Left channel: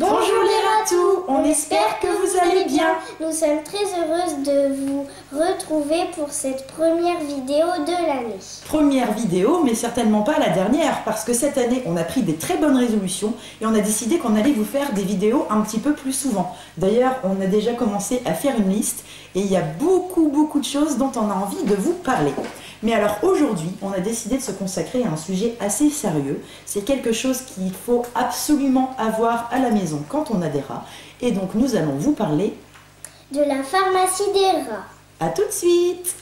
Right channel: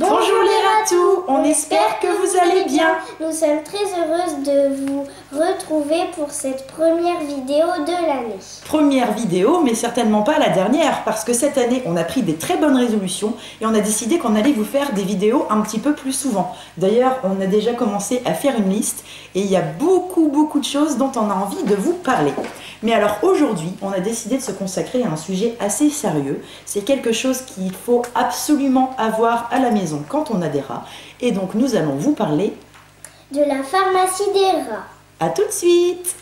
Bonjour les ratous, on espère que vous allez bien. Nous sommes très heureuses de vous retrouver pour cette première vidéo de l'année. Première vidéo, mais certainement pas la dernière, parce que cette année, on a pris des très bonnes résolutions et on a décidé qu'on allait vous faire des vidéos un petit peu plus souvent. D'ailleurs, on a déjà commencé à faire une liste et il y a beaucoup de choses dont on a envie de vous parler. Mais alors aujourd'hui, on a décidé de se consacrer à un sujet assez sérieux. C'est quelque chose qu'il faut absolument avoir à la maison quand on a des rats. Et donc nous allons vous parler de la pharmacie des rats. À tout de suite.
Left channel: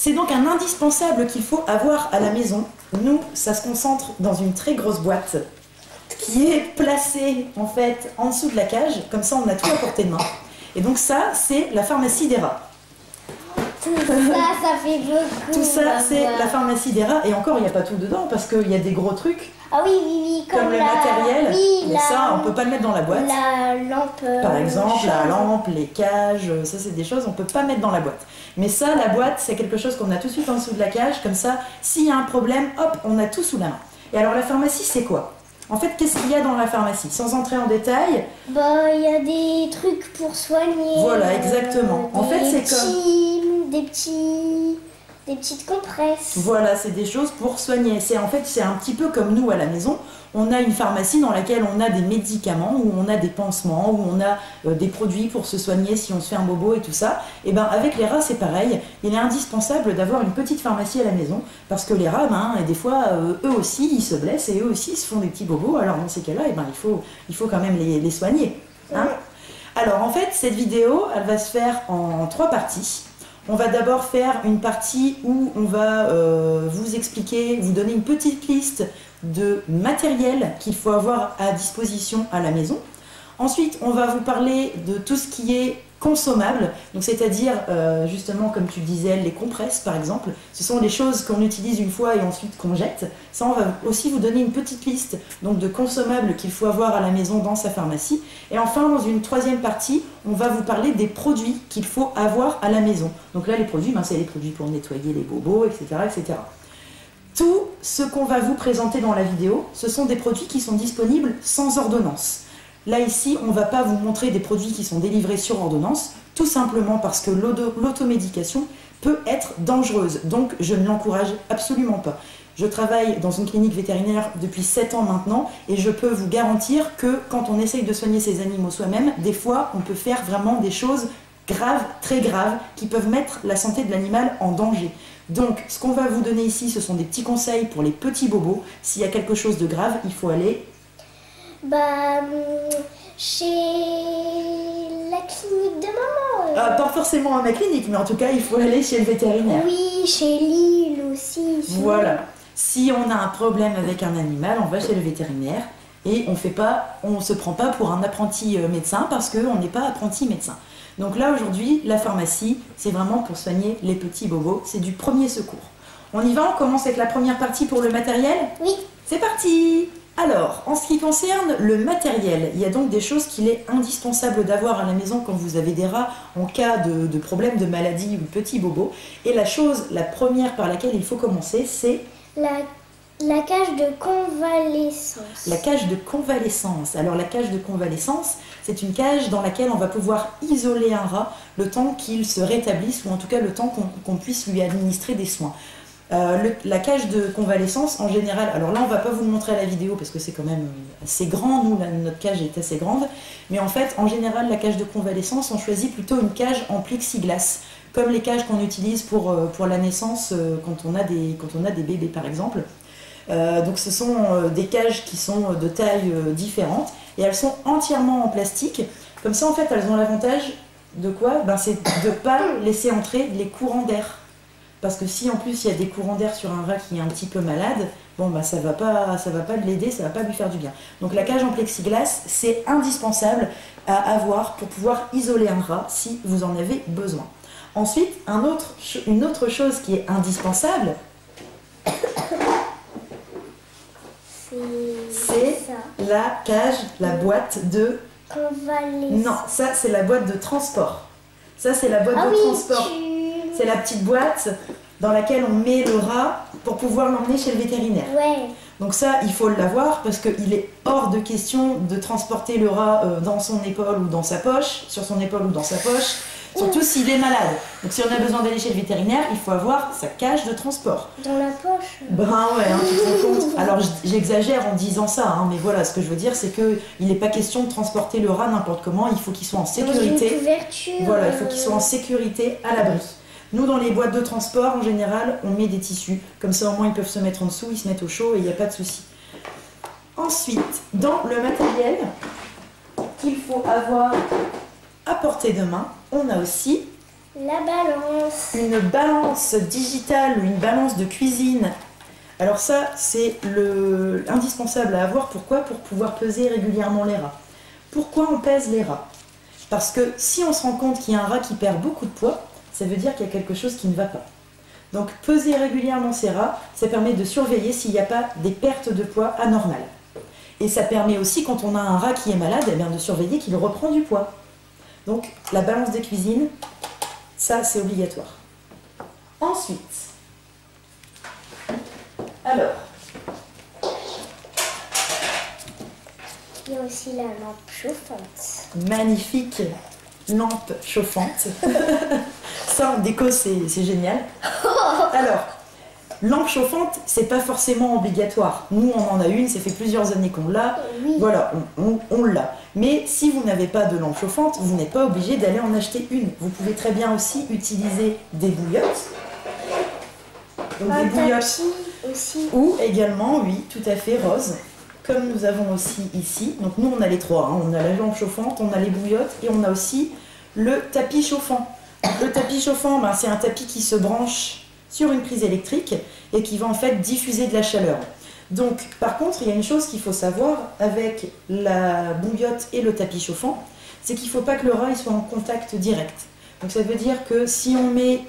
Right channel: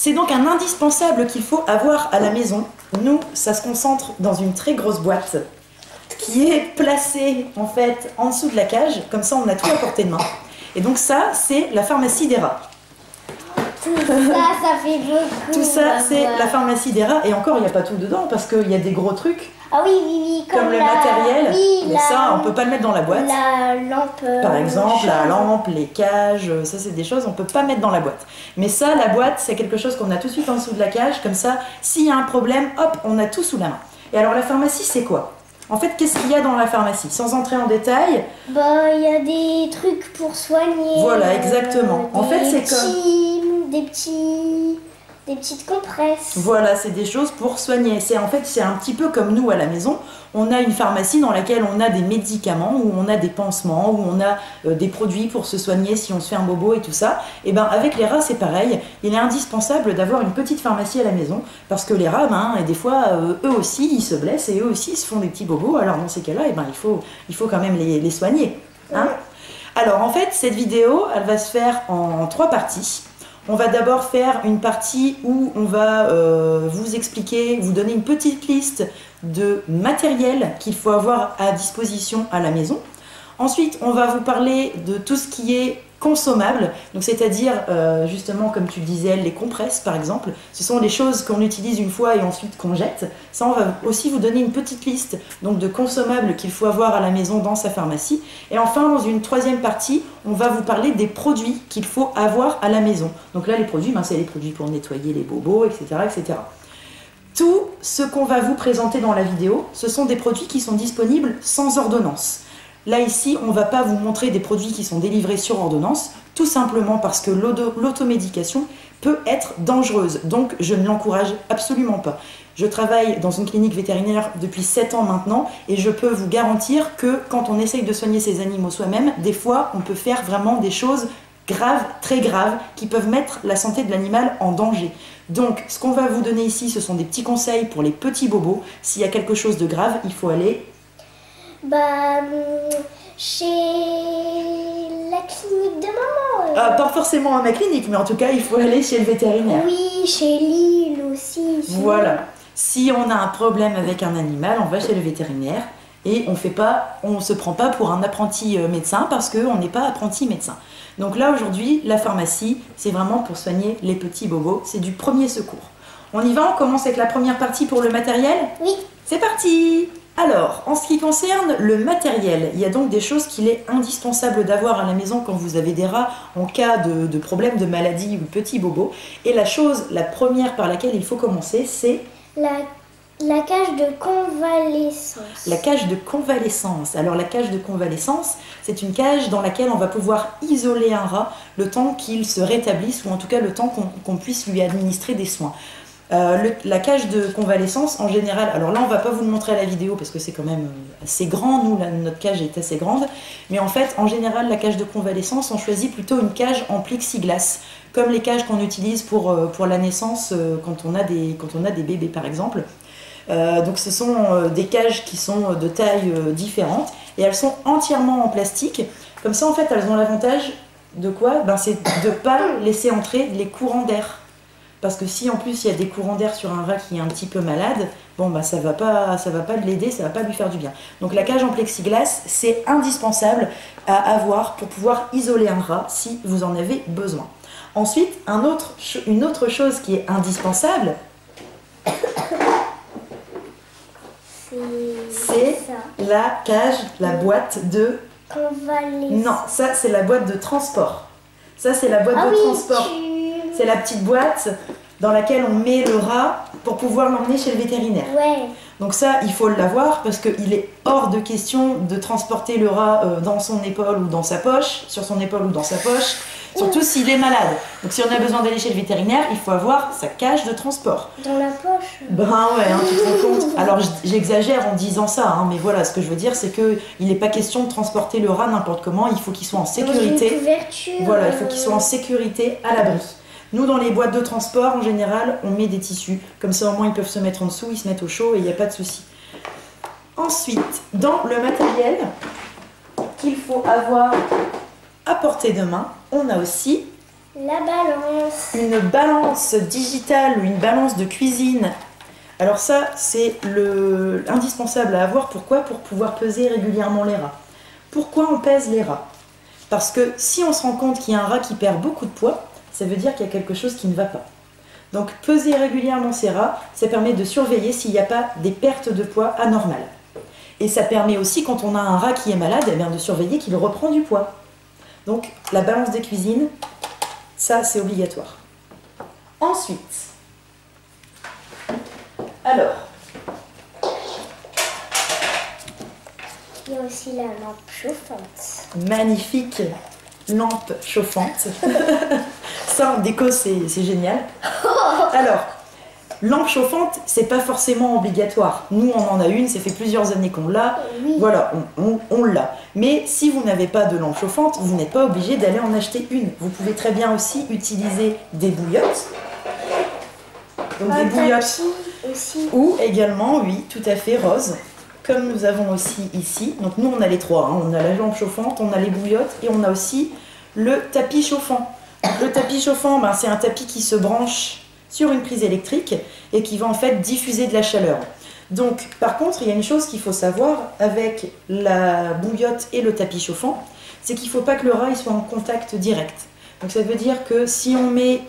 C'est donc un indispensable qu'il faut avoir à la maison. Nous, ça se concentre dans une très grosse boîte qui est placée en fait en dessous de la cage. Comme ça, on a tout à portée de main. Et donc ça, c'est la pharmacie des rats. Tout ça fait beaucoup. Tout ça, c'est la pharmacie des rats. Et encore, il n'y a pas tout dedans parce qu'il y a des gros trucs. Ah oui, comme le matériel. Mais ça, on ne peut pas le mettre dans la boîte. La lampe. Par exemple, la lampe, les cages, ça c'est des choses qu'on ne peut pas mettre dans la boîte. Mais ça, la boîte, c'est quelque chose qu'on a tout de suite en dessous de la cage. Comme ça, s'il y a un problème, hop, on a tout sous la main. Et alors la pharmacie, c'est quoi? En fait, qu'est-ce qu'il y a dans la pharmacie? Sans entrer en détail. Bah, il y a des trucs pour soigner. Voilà, exactement. En fait, c'est comme des petites compresses. Voilà, c'est des choses pour soigner. C'est un petit peu comme nous à la maison. On a une pharmacie dans laquelle on a des médicaments, où on a des pansements, où on a des produits pour se soigner si on se fait un bobo et tout ça. Et ben avec les rats, c'est pareil. Il est indispensable d'avoir une petite pharmacie à la maison parce que les rats, et des fois, eux aussi, ils se blessent et eux aussi, ils se font des petits bobos. Alors dans ces cas-là, il faut quand même les soigner. Hein? Alors en fait, cette vidéo, elle va se faire en 3 parties. On va d'abord faire une partie où on va vous expliquer, vous donner une petite liste de matériel qu'il faut avoir à disposition à la maison. Ensuite, on va vous parler de tout ce qui est consommable, donc c'est-à-dire justement comme tu le disais, les compresses par exemple. Ce sont les choses qu'on utilise une fois et ensuite qu'on jette. Ça, on va aussi vous donner une petite liste donc de consommables qu'il faut avoir à la maison dans sa pharmacie. Et enfin, dans une 3e partie, on va vous parler des produits qu'il faut avoir à la maison. Donc là, les produits, c'est les produits pour nettoyer les bobos, etc. etc. Tout ce qu'on va vous présenter dans la vidéo, ce sont des produits qui sont disponibles sans ordonnance. Là, ici, on ne va pas vous montrer des produits qui sont délivrés sur ordonnance, tout simplement parce que l'automédication peut être dangereuse. Donc, je ne l'encourage absolument pas. Je travaille dans une clinique vétérinaire depuis 7 ans maintenant et je peux vous garantir que quand on essaye de soigner ses animaux soi-même, des fois, on peut faire vraiment des choses graves, très graves, qui peuvent mettre la santé de l'animal en danger. Donc, ce qu'on va vous donner ici, ce sont des petits conseils pour les petits bobos. S'il y a quelque chose de grave, il faut aller... chez la clinique de maman. Pas forcément à ma clinique, mais en tout cas, il faut aller chez le vétérinaire. Oui, chez Lille aussi. Voilà. Si on a un problème avec un animal, on va chez le vétérinaire et on se prend pas pour un apprenti médecin parce qu'on n'est pas apprenti médecin. Donc là, aujourd'hui, la pharmacie, c'est vraiment pour soigner les petits bobos. C'est du premier secours. On y va, on commence avec la première partie pour le matériel? Oui. C'est parti! Alors, en ce qui concerne le matériel, il y a donc des choses qu'il est indispensable d'avoir à la maison quand vous avez des rats en cas de problème de maladie ou de petits bobos. Et la première par laquelle il faut commencer, c'est... La cage de convalescence. La cage de convalescence. Alors la cage de convalescence, c'est une cage dans laquelle on va pouvoir isoler un rat le temps qu'il se rétablisse ou en tout cas le temps qu'on puisse lui administrer des soins. La cage de convalescence, en général, alors là on va pas vous le montrer à la vidéo parce que c'est quand même assez grand, nous notre cage est assez grande, mais en fait en général la cage de convalescence on choisit plutôt une cage en plexiglas, comme les cages qu'on utilise pour la naissance quand on a des bébés par exemple. Donc ce sont des cages qui sont de taille différentes et elles sont entièrement en plastique, comme ça en fait elles ont l'avantage de quoi? C'est de ne pas laisser entrer les courants d'air. parce que si en plus il y a des courants d'air sur un rat qui est un petit peu malade, bon bah ça va pas l'aider, ça va pas lui faire du bien. Donc la cage en plexiglas, c'est indispensable à avoir pour pouvoir isoler un rat si vous en avez besoin. Ensuite, une autre chose qui est indispensable, c'est la cage, la boîte de... Non, ça c'est la boîte de transport. Ça c'est la boîte de transport. C'est la petite boîte dans laquelle on met le rat pour pouvoir l'emmener chez le vétérinaire. Ouais. Donc ça, il faut l'avoir parce qu'il est hors de question de transporter le rat dans son épaule ou dans sa poche, sur son épaule ou dans sa poche, surtout s'il est malade. Donc si on a besoin d'aller chez le vétérinaire, il faut avoir sa cage de transport. Dans la poche. Ben ouais, hein, tu te rends compte. Alors j'exagère en disant ça, hein, mais voilà, ce que je veux dire, c'est qu'il n'est pas question de transporter le rat n'importe comment, il faut qu'il soit en sécurité. Dans une couverture. Voilà, il faut qu'il soit en sécurité à l'abri. Nous, dans les boîtes de transport, en général, on met des tissus. Comme ça, au moins, ils peuvent se mettre en dessous, ils se mettent au chaud et il n'y a pas de souci. Ensuite, dans le matériel qu'il faut avoir à portée de main, on a aussi la balance. Une balance digitale ou une balance de cuisine. Alors ça, c'est indispensable à avoir. Pourquoi? Pour pouvoir peser régulièrement les rats. Pourquoi on pèse les rats? Parce que si on se rend compte qu'il y a un rat qui perd beaucoup de poids, ça veut dire qu'il y a quelque chose qui ne va pas. Donc peser régulièrement ces rats, ça permet de surveiller s'il n'y a pas des pertes de poids anormales. Et ça permet aussi, quand on a un rat qui est malade, eh bien, de surveiller qu'il reprend du poids. Donc la balance des cuisines, ça c'est obligatoire. Ensuite, alors, il y a aussi la lampe chauffante. Magnifique lampe chauffante. Ça en déco c'est génial. Alors, lampe chauffante, c'est pas forcément obligatoire. Nous on en a une, ça fait plusieurs années qu'on l'a. Oui. Voilà, on l'a. Mais si vous n'avez pas de lampe chauffante, vous n'êtes pas obligé d'aller en acheter une. Vous pouvez très bien aussi utiliser des bouillottes. Donc des bouillottes aussi. Ou également, oui, tout à fait, rose. Comme nous avons aussi ici. Donc nous on a les trois, hein. On a la lampe chauffante, on a les bouillottes et on a aussi le tapis chauffant. Donc, le tapis chauffant, ben, c'est un tapis qui se branche sur une prise électrique et qui va en fait diffuser de la chaleur. Donc par contre, il y a une chose qu'il faut savoir avec la bouillotte et le tapis chauffant, c'est qu'il ne faut pas que le rat il soit en contact direct. Donc ça veut dire que si on met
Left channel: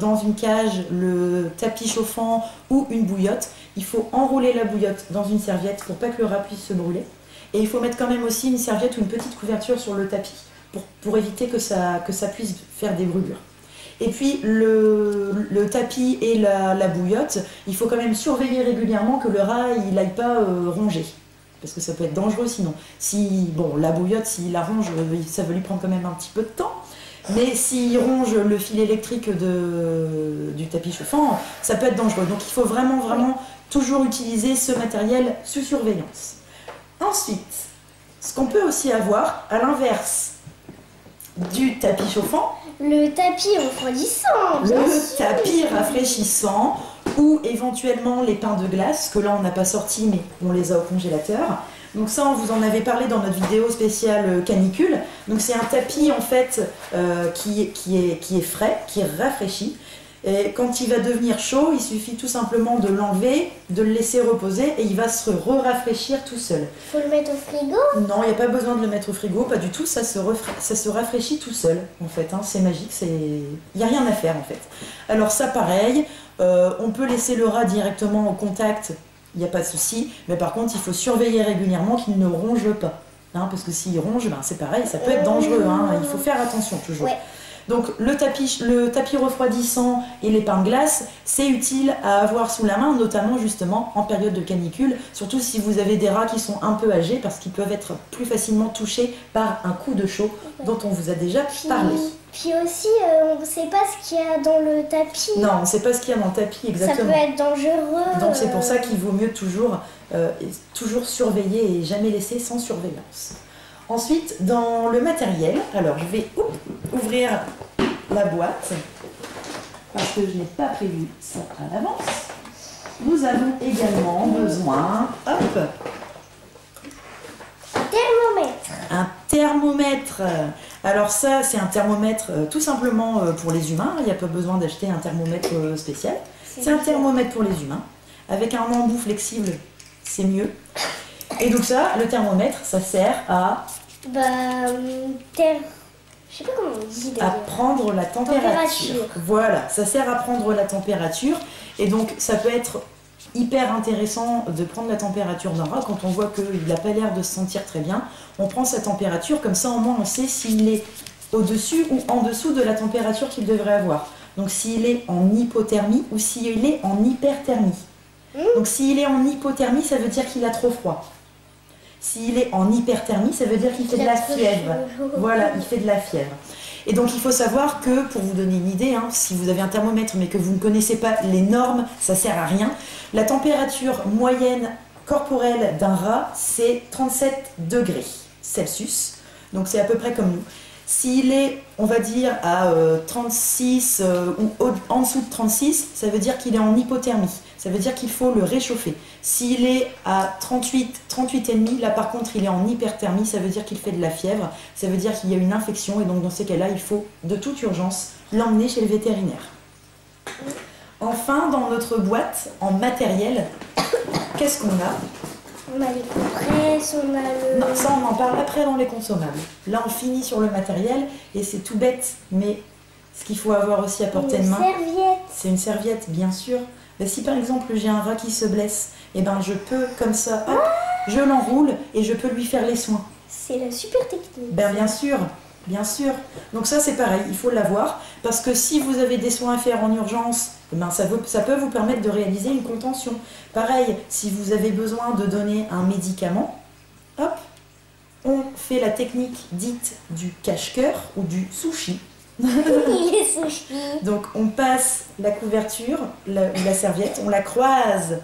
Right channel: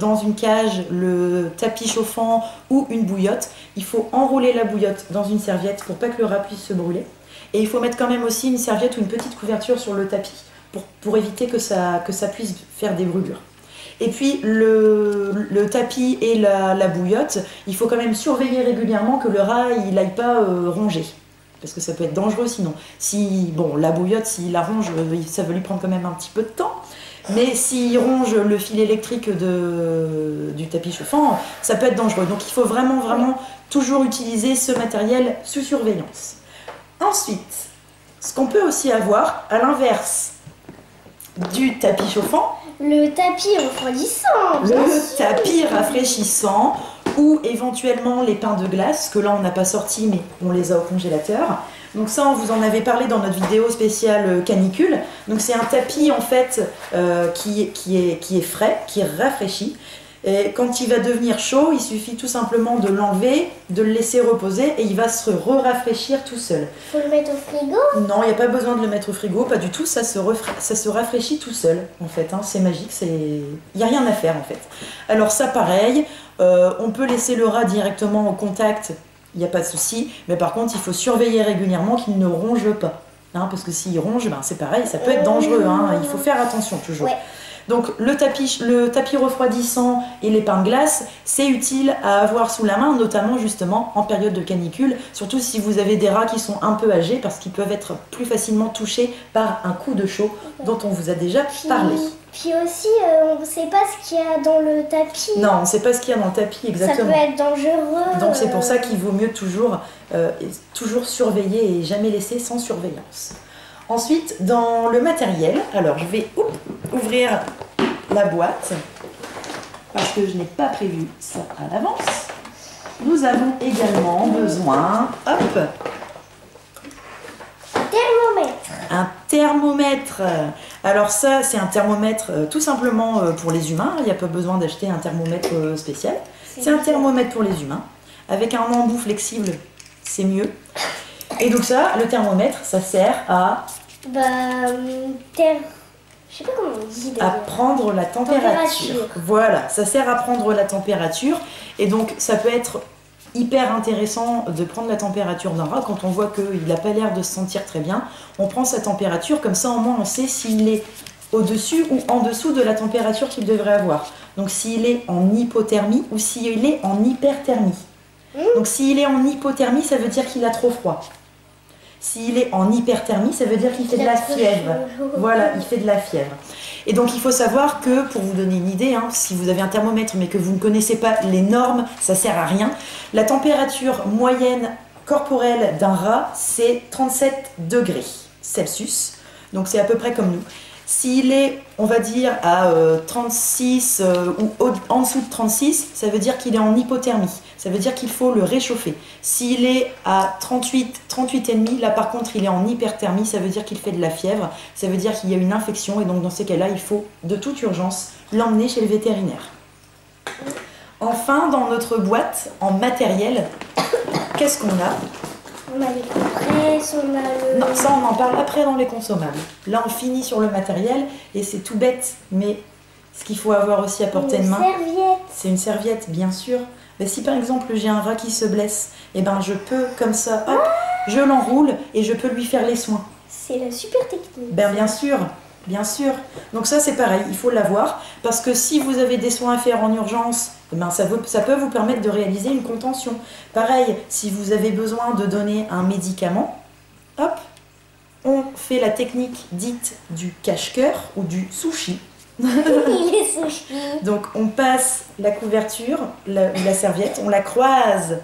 dans une cage le tapis chauffant ou une bouillotte, il faut enrouler la bouillotte dans une serviette pour pas que le rat puisse se brûler. Et il faut mettre quand même aussi une serviette ou une petite couverture sur le tapis pour éviter que ça puisse faire des brûlures. Et puis le tapis et la bouillotte, il faut quand même surveiller régulièrement que le rat il n'aille pas ronger. Parce que ça peut être dangereux sinon. Si, bon, la bouillotte, s'il la ronge, ça va lui prendre quand même un petit peu de temps. Mais s'il ronge le fil électrique du tapis chauffant, ça peut être dangereux. Donc il faut vraiment toujours utiliser ce matériel sous surveillance. Ensuite, ce qu'on peut aussi avoir, à l'inverse du tapis chauffant, le tapis refroidissant. Le tapis rafraîchissant ou éventuellement les pains de glace, que là on n'a pas sorti mais on les a au congélateur. Donc ça on vous en avait parlé dans notre vidéo spéciale canicule. Donc c'est un tapis en fait qui est frais, qui est rafraîchi. Et quand il va devenir chaud, il suffit tout simplement de l'enlever, de le laisser reposer et il va se rafraîchir tout seul. Faut le mettre au frigo? Non, il n'y a pas besoin de le mettre au frigo, pas du tout, ça se rafraîchit tout seul en fait, hein. C'est magique, il n'y a rien à faire en fait. Alors ça pareil, on peut laisser le rat directement au contact, il n'y a pas de souci, mais par contre il faut surveiller régulièrement qu'il ne ronge pas. Hein, parce que s'il ronge, ben, c'est pareil, ça peut être dangereux, hein, il faut faire attention toujours. Ouais. Donc le tapis refroidissant et les pains de glace, c'est utile à avoir sous la main, notamment justement en période de canicule, surtout si vous avez des rats qui sont un peu âgés, parce qu'ils peuvent être plus facilement touchés par un coup de chaud dont on vous a déjà parlé. Puis aussi, on ne sait pas ce qu'il y a dans le tapis. Non, on ne sait pas ce qu'il y a dans le tapis exactement. Ça peut être dangereux. Donc c'est pour ça qu'il vaut mieux toujours surveiller et jamais laisser sans surveillance. Ensuite, dans le matériel, alors je vais ouvrir la boîte parce que je n'ai pas prévu ça à l'avance. Nous avons également besoin, thermomètre. un thermomètre. Alors ça, c'est un thermomètre tout simplement pour les humains. Il n'y a pas besoin d'acheter un thermomètre spécial. C'est un thermomètre pour les humains. Avec un embout flexible, c'est mieux. Et donc ça, le thermomètre, ça sert à... je sais pas comment on dit à d'ailleurs. prendre la température. Voilà, ça sert à prendre la température. Et donc, ça peut être hyper intéressant de prendre la température d'un rat quand on voit qu'il n'a pas l'air de se sentir très bien. On prend sa température, comme ça au moins on sait s'il est au-dessus ou en dessous de la température qu'il devrait avoir. Donc s'il est en hypothermie ou s'il est en hyperthermie. Donc s'il est en hypothermie, ça veut dire qu'il a trop froid. S'il est en hyperthermie, ça veut dire qu'il fait de la fièvre. Voilà, il fait de la fièvre. Et donc il faut savoir que, pour vous donner une idée, si vous avez un thermomètre mais que vous ne connaissez pas les normes, ça sert à rien. La température moyenne corporelle d'un rat, c'est 37 degrés Celsius. Donc c'est à peu près comme nous. S'il est, on va dire, à 36 ou en dessous de 36, ça veut dire qu'il est en hypothermie. Ça veut dire qu'il faut le réchauffer. S'il est à 38, 38,5, là par contre il est en hyperthermie, ça veut dire qu'il fait de la fièvre, ça veut dire qu'il y a une infection et donc dans ces cas-là, il faut de toute urgence l'emmener chez le vétérinaire. Enfin, dans notre boîte en matériel, qu'est-ce qu'on a ? On a les compresses, on a le... Non, ça on en parle après dans les consommables. Là on finit sur le matériel et c'est tout bête, mais ce qu'il faut avoir aussi à portée de main, c'est une serviette, bien sûr. Mais si par exemple j'ai un rat qui se blesse, et ben je peux comme ça, hop, je l'enroule et je peux lui faire les soins. C'est la super technique. Ben bien sûr, bien sûr. Donc ça c'est pareil, il faut l'avoir parce que si vous avez des soins à faire en urgence, eh ben ça peut vous permettre de réaliser une contention. Pareil, si vous avez besoin de donner un médicament, hop, on fait la technique dite du cache-cœur ou du sushi. Les sushis. Donc on passe la couverture, la serviette, on la croise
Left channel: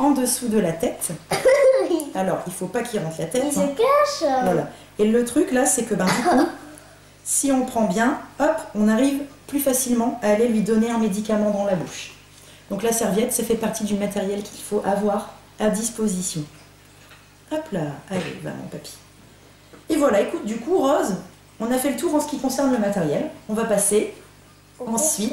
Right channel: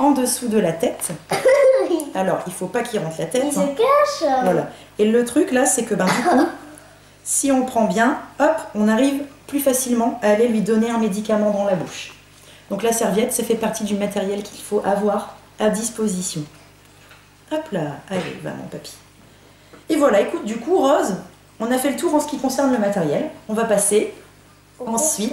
en dessous de la tête. Alors il faut pas qu'il rentre la tête. Il se cache. Voilà. Et le truc là, c'est que du coup, si on prend bien, hop, on arrive plus facilement à aller lui donner un médicament dans la bouche. Donc la serviette, ça fait partie du matériel qu'il faut avoir à disposition. Hop là, allez, va mon papy. Et voilà, écoute, du coup, Rose, on a fait le tour en ce qui concerne le matériel. On va passer ensuite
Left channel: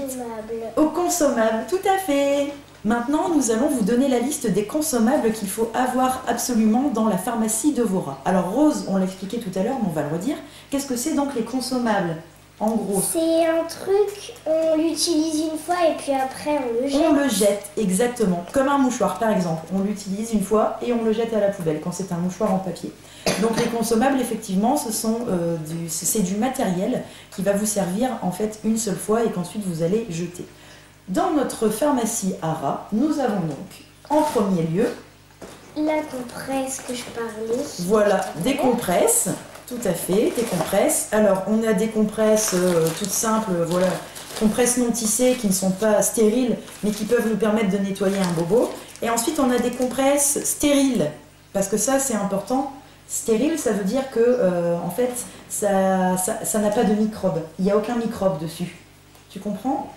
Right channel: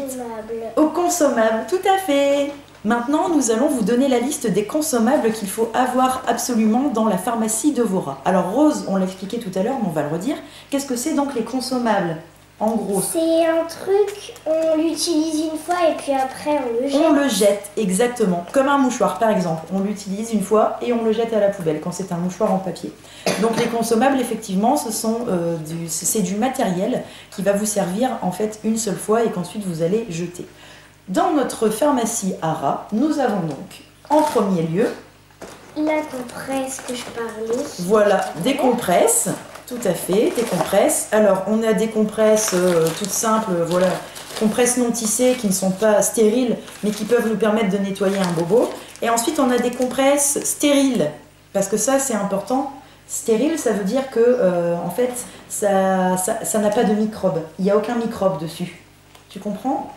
aux consommables. Tout à fait. Maintenant, nous allons vous donner la liste des consommables qu'il faut avoir absolument dans la pharmacie de vos rats. Alors Rose, on l'a expliqué tout à l'heure, mais on va le redire. Qu'est-ce que c'est donc les consommables ? En gros, c'est un truc, on l'utilise une fois et puis après on le jette. On le jette, exactement. Comme un mouchoir, par exemple. On l'utilise une fois et on le jette à la poubelle quand c'est un mouchoir en papier. Donc les consommables, effectivement, c'est du matériel qui va vous servir en fait une seule fois et qu'ensuite vous allez jeter. Dans notre pharmacie à rats, nous avons donc en premier lieu la compresse que je parlais. Voilà, des compresses. Tout à fait, des compresses. Alors, on a des compresses toutes simples, voilà, compresses non tissées qui ne sont pas stériles, mais qui peuvent nous permettre de nettoyer un bobo. Et ensuite, on a des compresses stériles, parce que ça, c'est important. Stérile, ça veut dire que, en fait, ça n'a pas de microbes. Il n'y a aucun microbe dessus. Tu comprends ?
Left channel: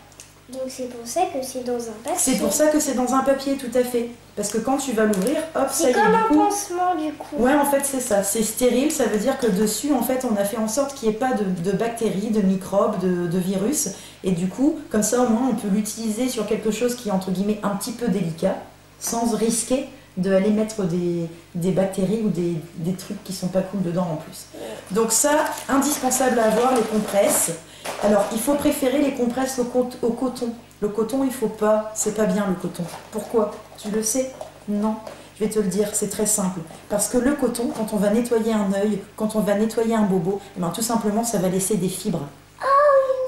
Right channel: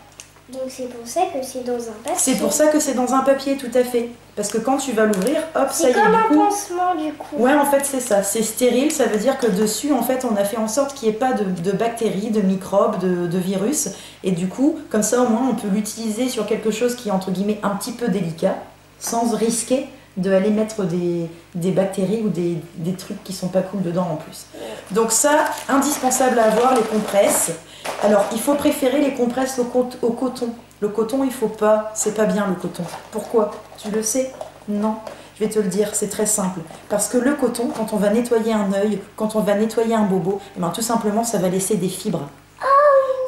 Donc c'est pour ça que c'est dans un papier. C'est pour ça que c'est dans un papier, tout à fait. Parce que quand tu vas l'ouvrir, hop, ça y est. C'est comme un pansement du coup. Ouais, en fait, c'est ça. C'est stérile, ça veut dire que dessus, en fait, on a fait en sorte qu'il n'y ait pas de bactéries, de microbes, de virus. Et du coup, comme ça, au moins, on peut l'utiliser sur quelque chose qui est, entre guillemets, un petit peu délicat, sans risquer d'aller mettre des bactéries ou des trucs qui sont pas cool dedans en plus. Donc ça, indispensable à avoir, les compresses. Alors, il faut préférer les compresses au coton. Le coton, il faut pas, c'est pas bien le coton. Pourquoi ? Tu le sais ? Non. Je vais te le dire, c'est très simple. Parce que le coton, quand on va nettoyer un œil, quand on va nettoyer un bobo, eh ben, tout simplement, ça va laisser des fibres.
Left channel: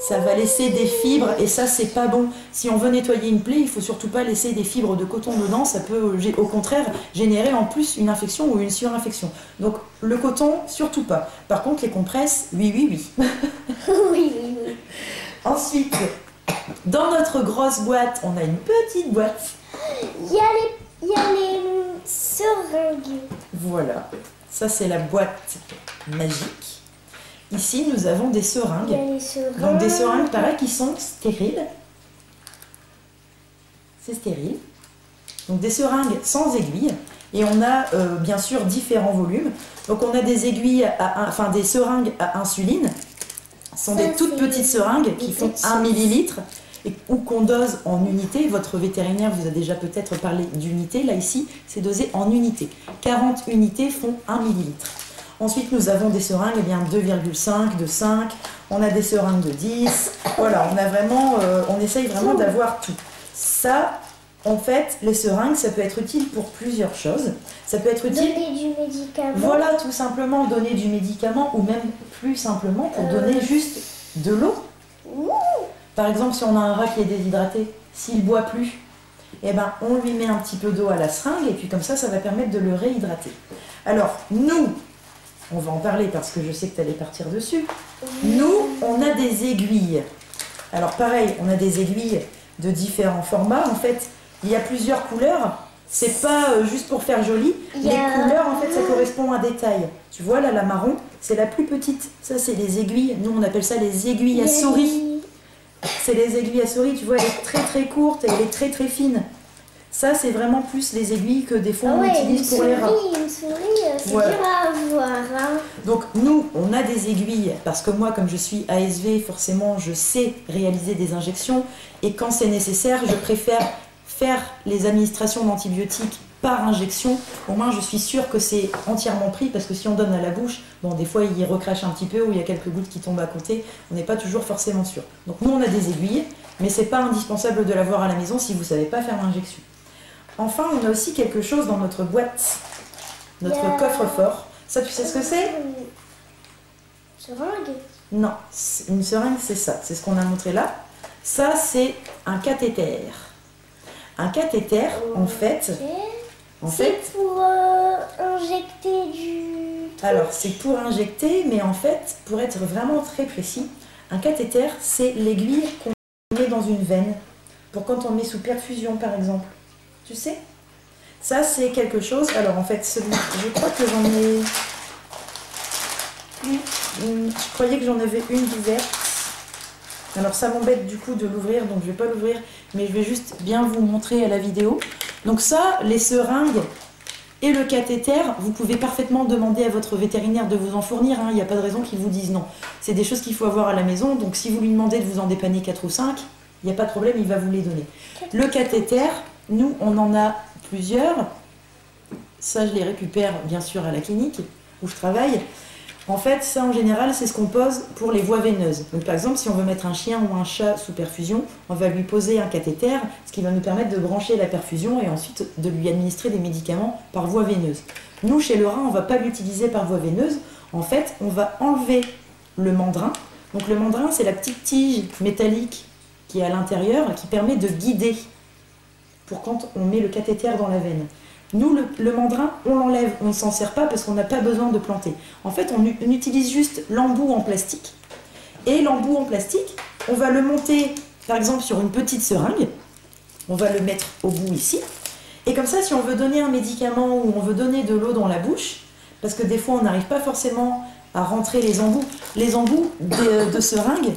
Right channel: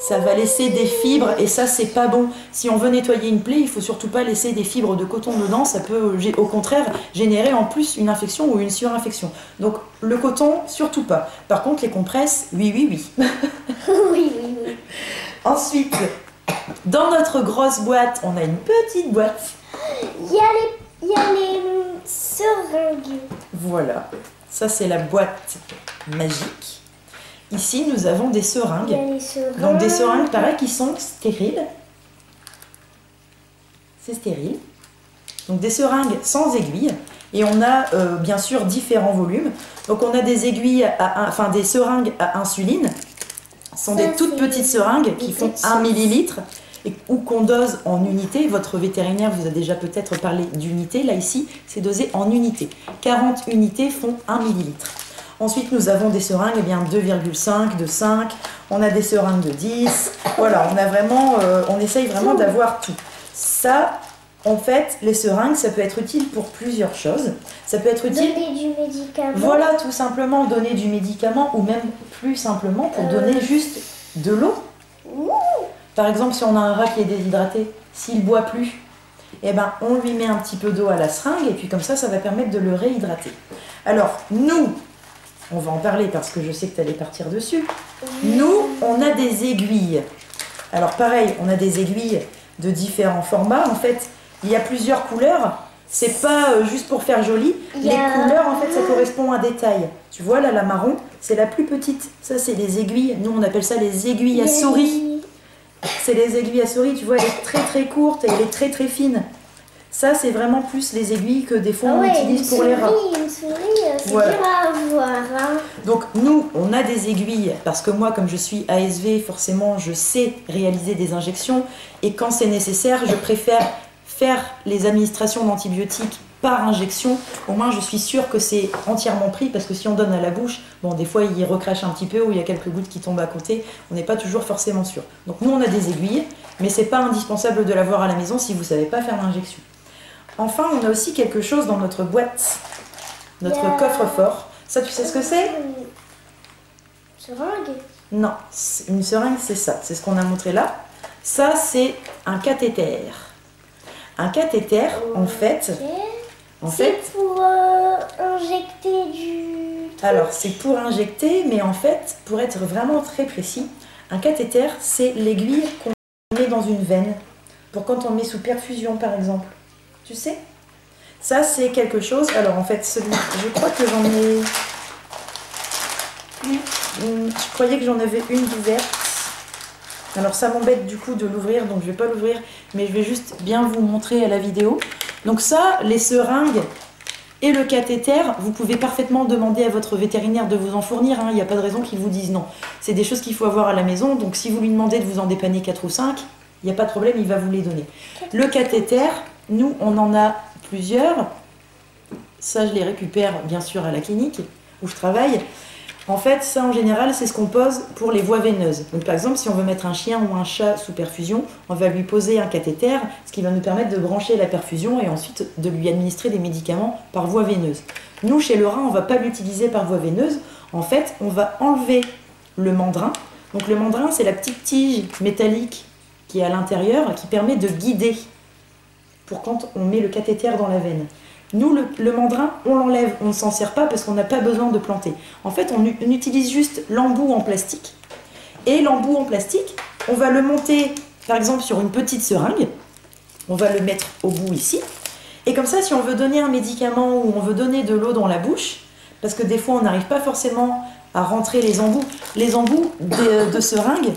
Ça va laisser des fibres et ça, c'est pas bon. Si on veut nettoyer une plaie, il faut surtout pas laisser des fibres de coton dedans. Ça peut, au contraire, générer en plus une infection ou une surinfection. Donc, le coton, surtout pas. Par contre, les compresses, oui, oui, oui. Oui, oui, oui. Ensuite, dans notre grosse boîte, on a une petite boîte. Il y a les seringues. Voilà. Ça, c'est la boîte magique. Ici, nous avons des seringues. Il y a les seringues. Donc des seringues, pareil, qui sont stériles. C'est stérile. Donc des seringues sans aiguille. Et on a bien sûr différents volumes. Donc on a des aiguilles, enfin des seringues à insuline. Ce sont des toutes petites seringues qui font 1 millilitre ou qu'on dose en unités. Votre vétérinaire vous a déjà peut-être parlé d'unités. Là ici, c'est dosé en unités. 40 unités font 1 millilitre. Ensuite, nous avons des seringues, 2,5, de 5. On a des seringues de 10. Voilà, on essaye vraiment d'avoir tout. Ça, en fait, les seringues, ça peut être utile pour plusieurs choses. Ça peut être utile... Donner du médicament. Voilà, tout simplement donner du médicament ou même plus simplement pour donner juste de l'eau. Par exemple, si on a un rat qui est déshydraté, s'il ne boit plus, eh ben, on lui met un petit peu d'eau à la seringue et puis comme ça va permettre de le réhydrater. Alors, nous, on va en parler parce que je sais que tu allais partir dessus. Nous, on a des aiguilles. Alors pareil, on a des aiguilles de différents formats. En fait, il y a plusieurs couleurs. C'est pas juste pour faire joli. Les couleurs, en fait, ça correspond à des tailles. Tu vois, là, la marron, c'est la plus petite. Ça, c'est les aiguilles. Nous, on appelle ça les aiguilles à souris. C'est les aiguilles à souris. Tu vois, elle est très très courte et elle est très très fine. Ça, c'est vraiment plus les aiguilles que des fois on utilise pour les rats. Une souris, c'est dur à avoir. Hein. Donc nous, on a des aiguilles, parce que moi, comme je suis ASV, forcément, je sais réaliser des injections. Et quand c'est nécessaire, je préfère faire les administrations d'antibiotiques par injection. Au moins, je suis sûre que c'est entièrement pris, parce que si on donne à la bouche, bon, des fois, il recrache un petit peu ou il y a quelques gouttes qui tombent à côté. On n'est pas toujours forcément sûr. Donc nous, on a des aiguilles, mais c'est pas indispensable de l'avoir à la maison si vous ne savez pas faire l'injection. Enfin, on a aussi quelque chose dans notre boîte, notre coffre-fort. Ça, tu sais ce que c'est? Seringue? Non, une seringue, c'est ça. C'est ce qu'on a montré là. Ça, c'est un cathéter. Un cathéter, en fait... C'est pour injecter du... Alors, c'est pour injecter, mais en fait, pour être vraiment très précis, un cathéter, c'est l'aiguille qu'on met dans une veine, pour quand on met sous perfusion, par exemple. Tu sais? Ça, c'est quelque chose... Alors, en fait, je crois que j'en ai... Je croyais que j'en avais une ouverte. Alors, ça m'embête du coup de l'ouvrir, donc je ne vais pas l'ouvrir, mais je vais juste bien vous montrer à la vidéo. Donc ça, les seringues et le cathéter, vous pouvez parfaitement demander à votre vétérinaire de vous en fournir. Il n'y a pas de raison qu'il vous dise non. C'est des choses qu'il faut avoir à la maison, donc si vous lui demandez de vous en dépanner 4 ou 5, il n'y a pas de problème, il va vous les donner. Le cathéter... Nous, on en a plusieurs. Ça, je les récupère bien sûr à la clinique où je travaille. En fait, ça en général, c'est ce qu'on pose pour les voies veineuses. Donc, par exemple, si on veut mettre un chien ou un chat sous perfusion, on va lui poser un cathéter, ce qui va nous permettre de brancher la perfusion et ensuite de lui administrer des médicaments par voie veineuse. Nous, chez le rat, on ne va pas l'utiliser par voie veineuse. En fait, on va enlever le mandrin. Donc, le mandrin, c'est la petite tige métallique qui est à l'intérieur, qui permet de guider pour quand on met le cathéter dans la veine. Nous, le mandrin, on l'enlève, on ne s'en sert pas parce qu'on n'a pas besoin de planter. En fait, on utilise juste l'embout en plastique. Et l'embout en plastique, on va le monter, par exemple, sur une petite seringue. On va le mettre au bout ici. Et comme ça, si on veut donner un médicament ou on veut donner de l'eau dans la bouche, parce que des fois, on n'arrive pas forcément à rentrer les embouts. Les embouts de seringue,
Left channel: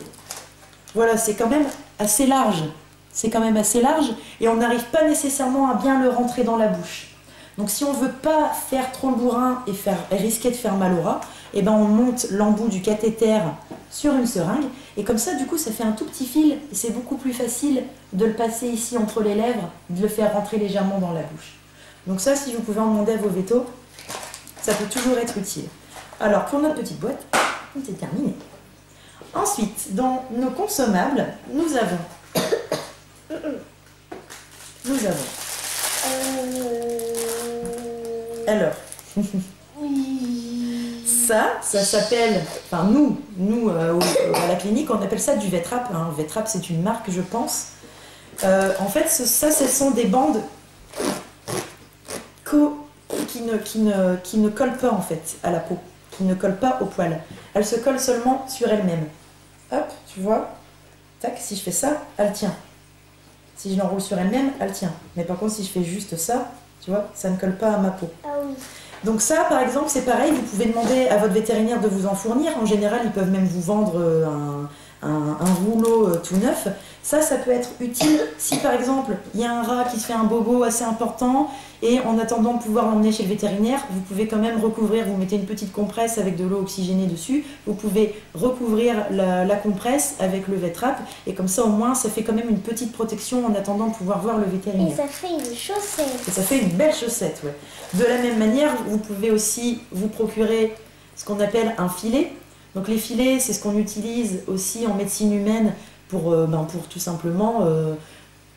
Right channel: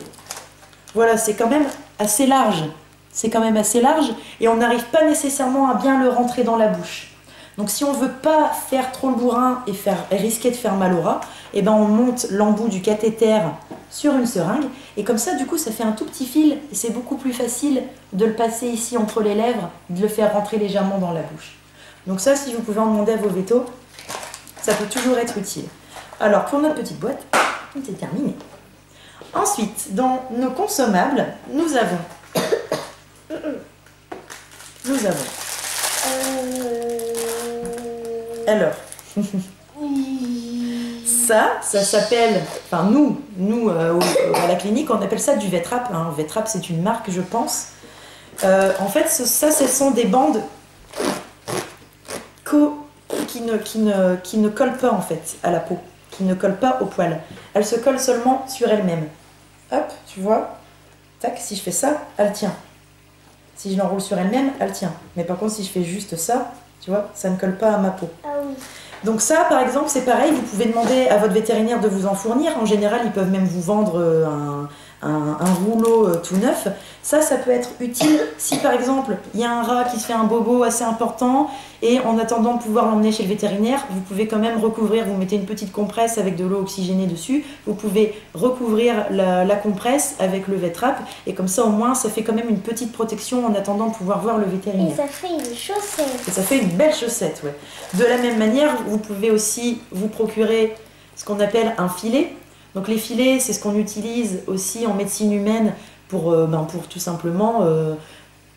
voilà, c'est quand même assez large. C'est quand même assez large et on n'arrive pas nécessairement à bien le rentrer dans la bouche. Donc si on ne veut pas faire trop le bourrin et risquer de faire mal au rat, eh ben on monte l'embout du cathéter sur une seringue et comme ça du coup ça fait un tout petit fil et c'est beaucoup plus facile de le passer ici entre les lèvres, de le faire rentrer légèrement dans la bouche. Donc ça, si vous pouvez en demander à vos vétos, ça peut toujours être utile. Alors pour notre petite boîte, c'est terminé. Ensuite, dans nos consommables, nous avons... Alors, ça s'appelle, enfin nous à la clinique, on appelle ça du Vetrap. Vetrap, c'est une marque, je pense. En fait, ça, ce sont des bandes qui ne collent pas en fait à la peau, qui ne collent pas au poil. Elles se collent seulement sur elles-mêmes. Hop, tu vois, tac, si je fais ça, elle tient. Si je l'enroule sur elle-même, elle tient. Mais par contre, si je fais juste ça, tu vois, ça ne colle pas à ma peau. Ah oui. Donc ça, par exemple, c'est pareil, vous pouvez demander à votre vétérinaire de vous en fournir. En général, ils peuvent même vous vendre un rouleau tout neuf. Ça peut être utile si par exemple il y a un rat qui se fait un bobo assez important et en attendant de pouvoir l'emmener chez le vétérinaire, vous pouvez quand même recouvrir, vous mettez une petite compresse avec de l'eau oxygénée dessus, vous pouvez recouvrir la compresse avec le Vêtrap et comme ça au moins ça fait quand même une petite protection en attendant de pouvoir voir le vétérinaire. Et ça fait une chaussette. Et ça fait une belle chaussette, ouais. De la même manière, vous pouvez aussi vous procurer ce qu'on appelle un filet. Donc les filets, c'est ce qu'on utilise aussi en médecine humaine pour tout simplement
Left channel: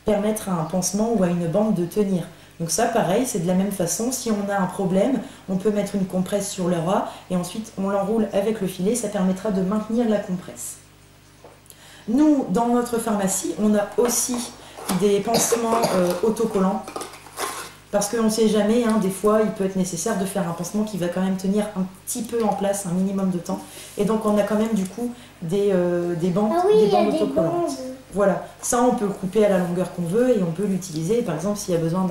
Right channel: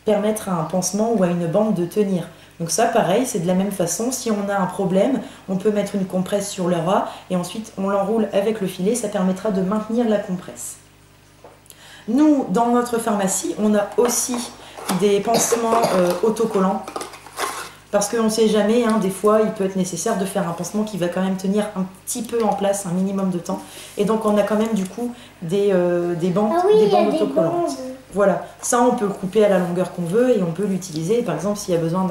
permettre à un pansement ou à une bande de tenir. Donc ça, pareil, c'est de la même façon. Si on a un problème, on peut mettre une compresse sur le rat et ensuite on l'enroule avec le filet. Ça permettra de maintenir la compresse. Nous, dans notre pharmacie, on a aussi des pansements autocollants. Parce qu'on ne sait jamais, des fois, il peut être nécessaire de faire un pansement qui va quand même tenir un petit peu en place, un minimum de temps. Et donc, on a quand même, du coup, des bandes, des bandes autocollantes. Voilà, ça, on peut le couper à la longueur qu'on veut et on peut l'utiliser. Par exemple, s'il y a besoin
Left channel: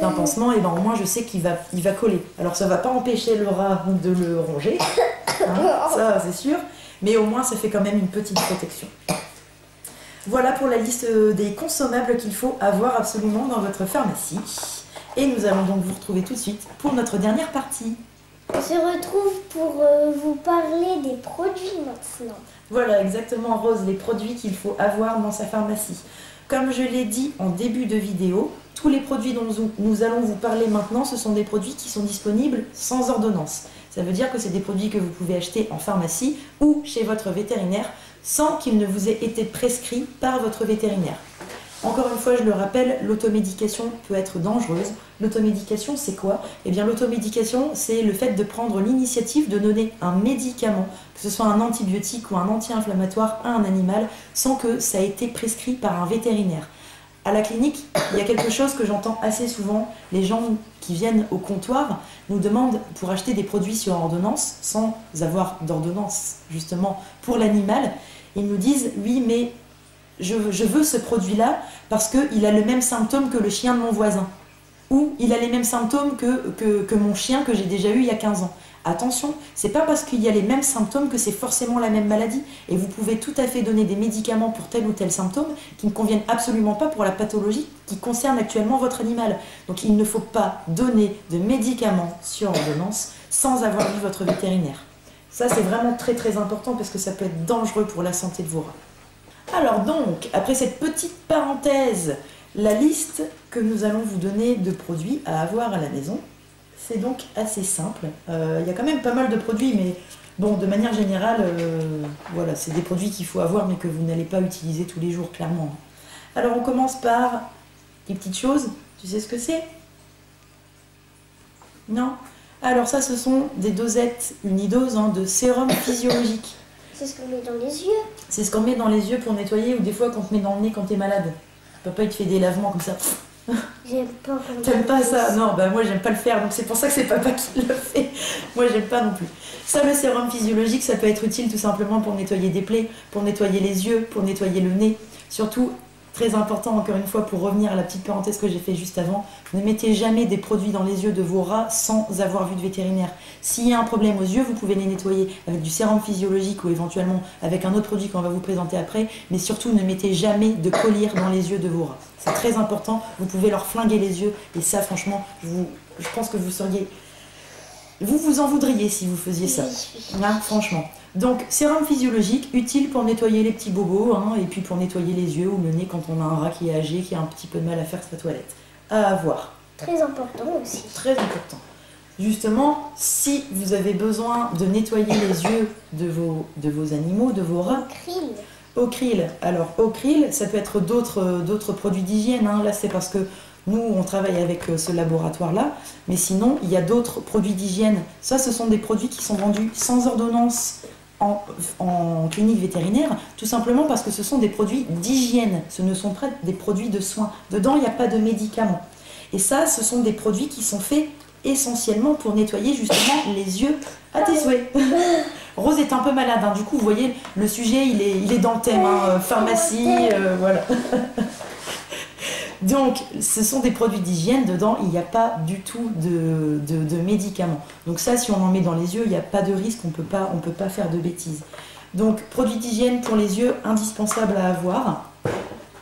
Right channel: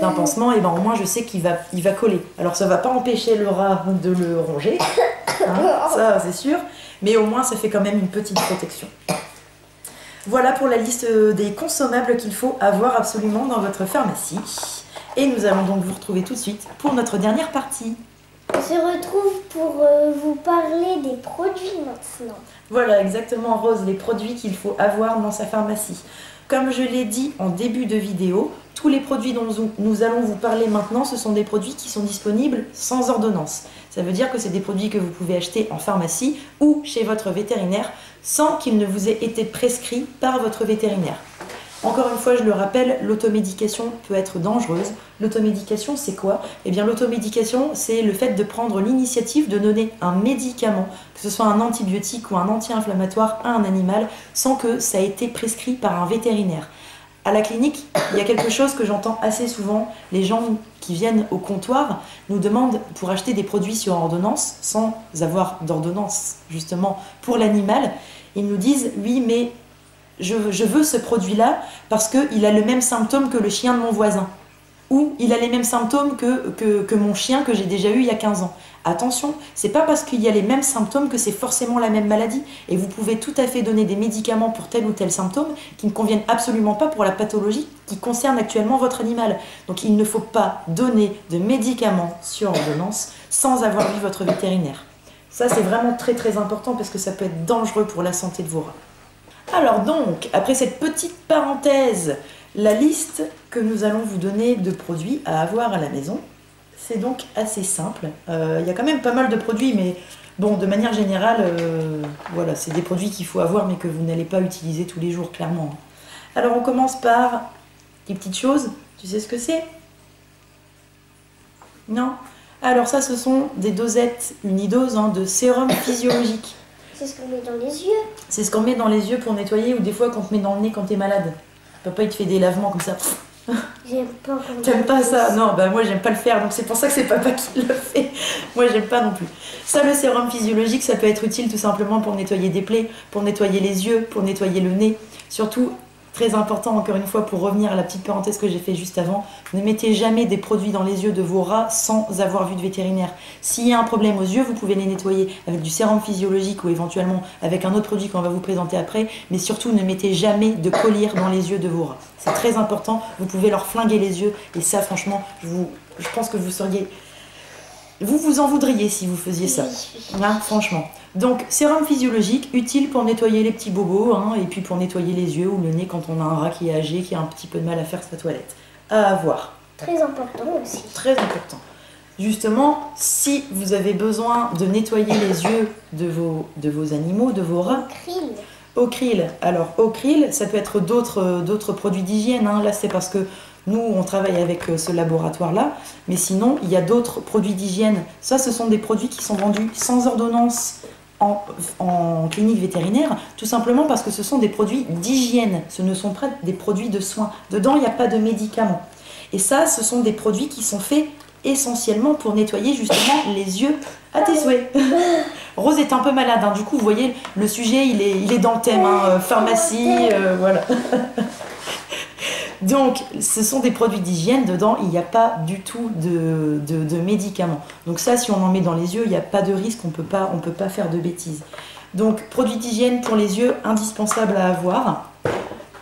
d'un pansement, et au moins, je sais qu'il va coller. Alors, ça ne va pas empêcher le rat de le ronger, ça, c'est sûr. Mais au moins, ça fait quand même une petite protection. Voilà pour la liste des consommables qu'il faut avoir absolument dans votre pharmacie. Et nous allons donc vous retrouver tout de suite pour notre dernière partie. On se retrouve pour vous parler des produits maintenant. Voilà, exactement, Rose, les produits qu'il faut avoir dans sa pharmacie. Comme je l'ai dit en début de vidéo, tous les produits dont nous allons vous parler maintenant, ce sont des produits qui sont disponibles sans ordonnance. Ça veut dire que c'est des produits que vous pouvez acheter en pharmacie ou chez votre vétérinaire sans qu'il ne vous ait été prescrit par votre vétérinaire. Encore une fois, je le rappelle, l'automédication peut être dangereuse. L'automédication, c'est quoi? Eh bien, l'automédication, c'est le fait de prendre l'initiative de donner un médicament, que ce soit un antibiotique ou un anti-inflammatoire à un animal, sans que ça ait été prescrit par un vétérinaire. À la clinique, il y a quelque chose que j'entends assez souvent. Les gens qui viennent au comptoir nous demandent pour acheter des produits sur ordonnance, sans avoir d'ordonnance justement pour l'animal. Ils nous disent, oui, mais je veux ce produit-là parce qu'il a le même symptôme que le chien de mon voisin. Ou il a les mêmes symptômes que mon chien que j'ai déjà eu il y a 15 ans. Attention, c'est pas parce qu'il y a les mêmes symptômes que c'est forcément la même maladie. Et vous pouvez tout à fait donner des médicaments pour tel ou tel symptôme qui ne conviennent absolument pas pour la pathologie qui concerne actuellement votre animal. Donc il ne faut pas donner de médicaments sur ordonnance sans avoir vu votre vétérinaire. Ça, c'est vraiment très très important parce que ça peut être dangereux pour la santé de vos rats. Alors donc, après cette petite parenthèse, la liste que nous allons vous donner de produits à avoir à la maison, c'est donc assez simple. Il y a quand même pas mal de produits, mais bon, de manière générale, voilà, c'est des produits qu'il faut avoir, mais que vous n'allez pas utiliser tous les jours, clairement. Alors on commence par des petites choses. Tu sais ce que c'est? Non? Alors ça, ce sont des dosettes unidoses de sérum physiologique. C'est ce qu'on met dans les yeux. C'est ce qu'on met dans les yeux pour nettoyer ou des fois qu'on te met dans le nez quand t'es malade. Papa il te fait des lavements comme ça. J'aime pas quand T'aimes pas ça? Non, bah moi j'aime pas le faire, donc c'est pour ça que c'est papa qui le fait. Moi j'aime pas non plus. Ça, le sérum physiologique, ça peut être utile tout simplement pour nettoyer des plaies, pour nettoyer les yeux, pour nettoyer le nez. Surtout, très important encore une fois pour revenir à la petite parenthèse que j'ai fait juste avant, ne mettez jamais des produits dans les yeux de vos rats sans avoir vu de vétérinaire. S'il y a un problème aux yeux, vous pouvez les nettoyer avec du sérum physiologique ou éventuellement avec un autre produit qu'on va vous présenter après, mais surtout ne mettez jamais de collyre dans les yeux de vos rats. C'est très important, vous pouvez leur flinguer les yeux et ça franchement, je pense que vous seriez... Vous en voudriez si vous faisiez ça, franchement. Donc, sérum physiologique, utile pour nettoyer les petits bobos, et puis pour nettoyer les yeux ou le nez quand on a un rat qui est âgé, qui a un petit peu de mal à faire sa toilette. À avoir. Très important aussi. Très important. Justement, si vous avez besoin de nettoyer les yeux de vos animaux, de vos rats... Ocryl. Alors, Ocryl, ça peut être d'autres produits d'hygiène. Là, c'est parce que nous, on travaille avec ce laboratoire-là. Mais sinon, il y a d'autres produits d'hygiène. Ça, ce sont des produits qui sont vendus sans ordonnance en clinique vétérinaire, tout simplement parce que ce sont des produits d'hygiène. Ce ne sont pas des produits de soins. Dedans, il n'y a pas de médicaments. Et ça, ce sont des produits qui sont faits essentiellement pour nettoyer justement les yeux à tes souhaits. Rose est un peu malade, du coup vous voyez le sujet il est dans le thème, pharmacie, voilà. Donc ce sont des produits d'hygiène, dedans il n'y a pas du tout de médicaments. Donc ça, si on en met dans les yeux, il n'y a pas de risque, on peut pas faire de bêtises. Donc, produit d'hygiène pour les yeux, indispensable à avoir.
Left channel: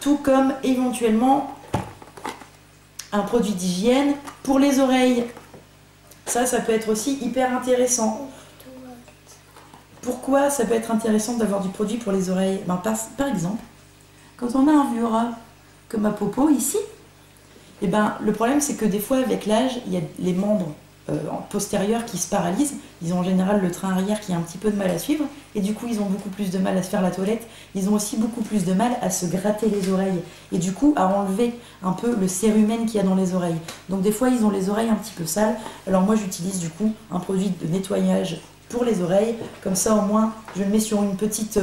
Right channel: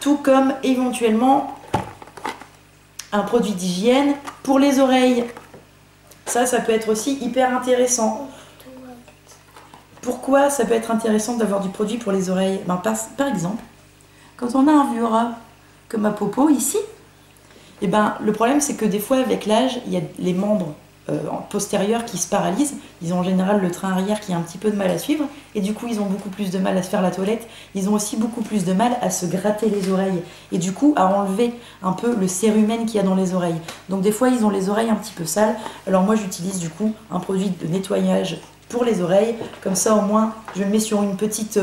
Tout comme éventuellement un produit d'hygiène pour les oreilles. Ça peut être aussi hyper intéressant. Pourquoi ça peut être intéressant d'avoir du produit pour les oreilles? Par exemple, quand on a un vieux rat, comme ma Popo ici, le problème c'est que des fois avec l'âge, il y a les membres postérieurs qui se paralysent. Ils ont en général le train arrière qui a un petit peu de mal à suivre, et du coup ils ont beaucoup plus de mal à se faire la toilette. Ils ont aussi beaucoup plus de mal à se gratter les oreilles, et du coup à enlever un peu le cérumen qu'il y a dans les oreilles. Donc des fois ils ont les oreilles un petit peu sales. Alors moi j'utilise du coup un produit de nettoyage pour les oreilles, comme ça au moins je le mets sur une petite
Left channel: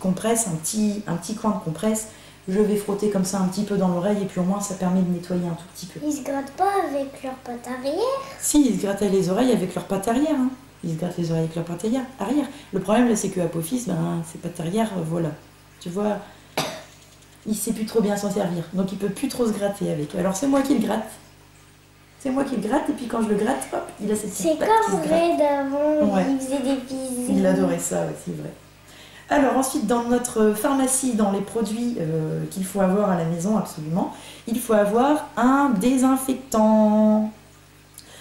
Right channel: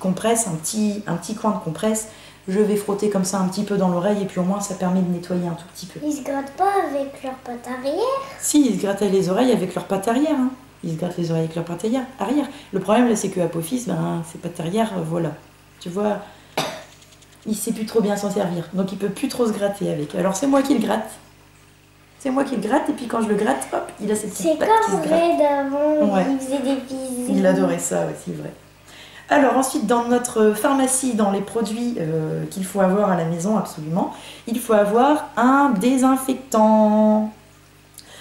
compresse, un petit coin de compresse. Je vais frotter comme ça un petit peu dans l'oreille et puis au moins ça permet de nettoyer un tout petit peu. Ils se grattent pas avec leurs pattes arrière? Si, ils se grattent les oreilles avec leurs pattes arrière. Hein. Ils se grattent les oreilles avec leurs pattes arrière. Le problème là c'est que Apophis, ses pattes arrière, voilà. Tu vois, il sait plus trop bien s'en servir. Donc il peut plus trop se gratter avec. Alors c'est moi qui le gratte. C'est moi qui le gratte et puis quand je le gratte, hop, il a cette petite patte qui se gratte. C'est comme Ray d'avant, Ouais. il faisait des bisous. Il adorait ça, ouais, c'est vrai. Alors ensuite, dans notre pharmacie, dans les produits qu'il faut avoir à la maison absolument, il faut avoir un désinfectant.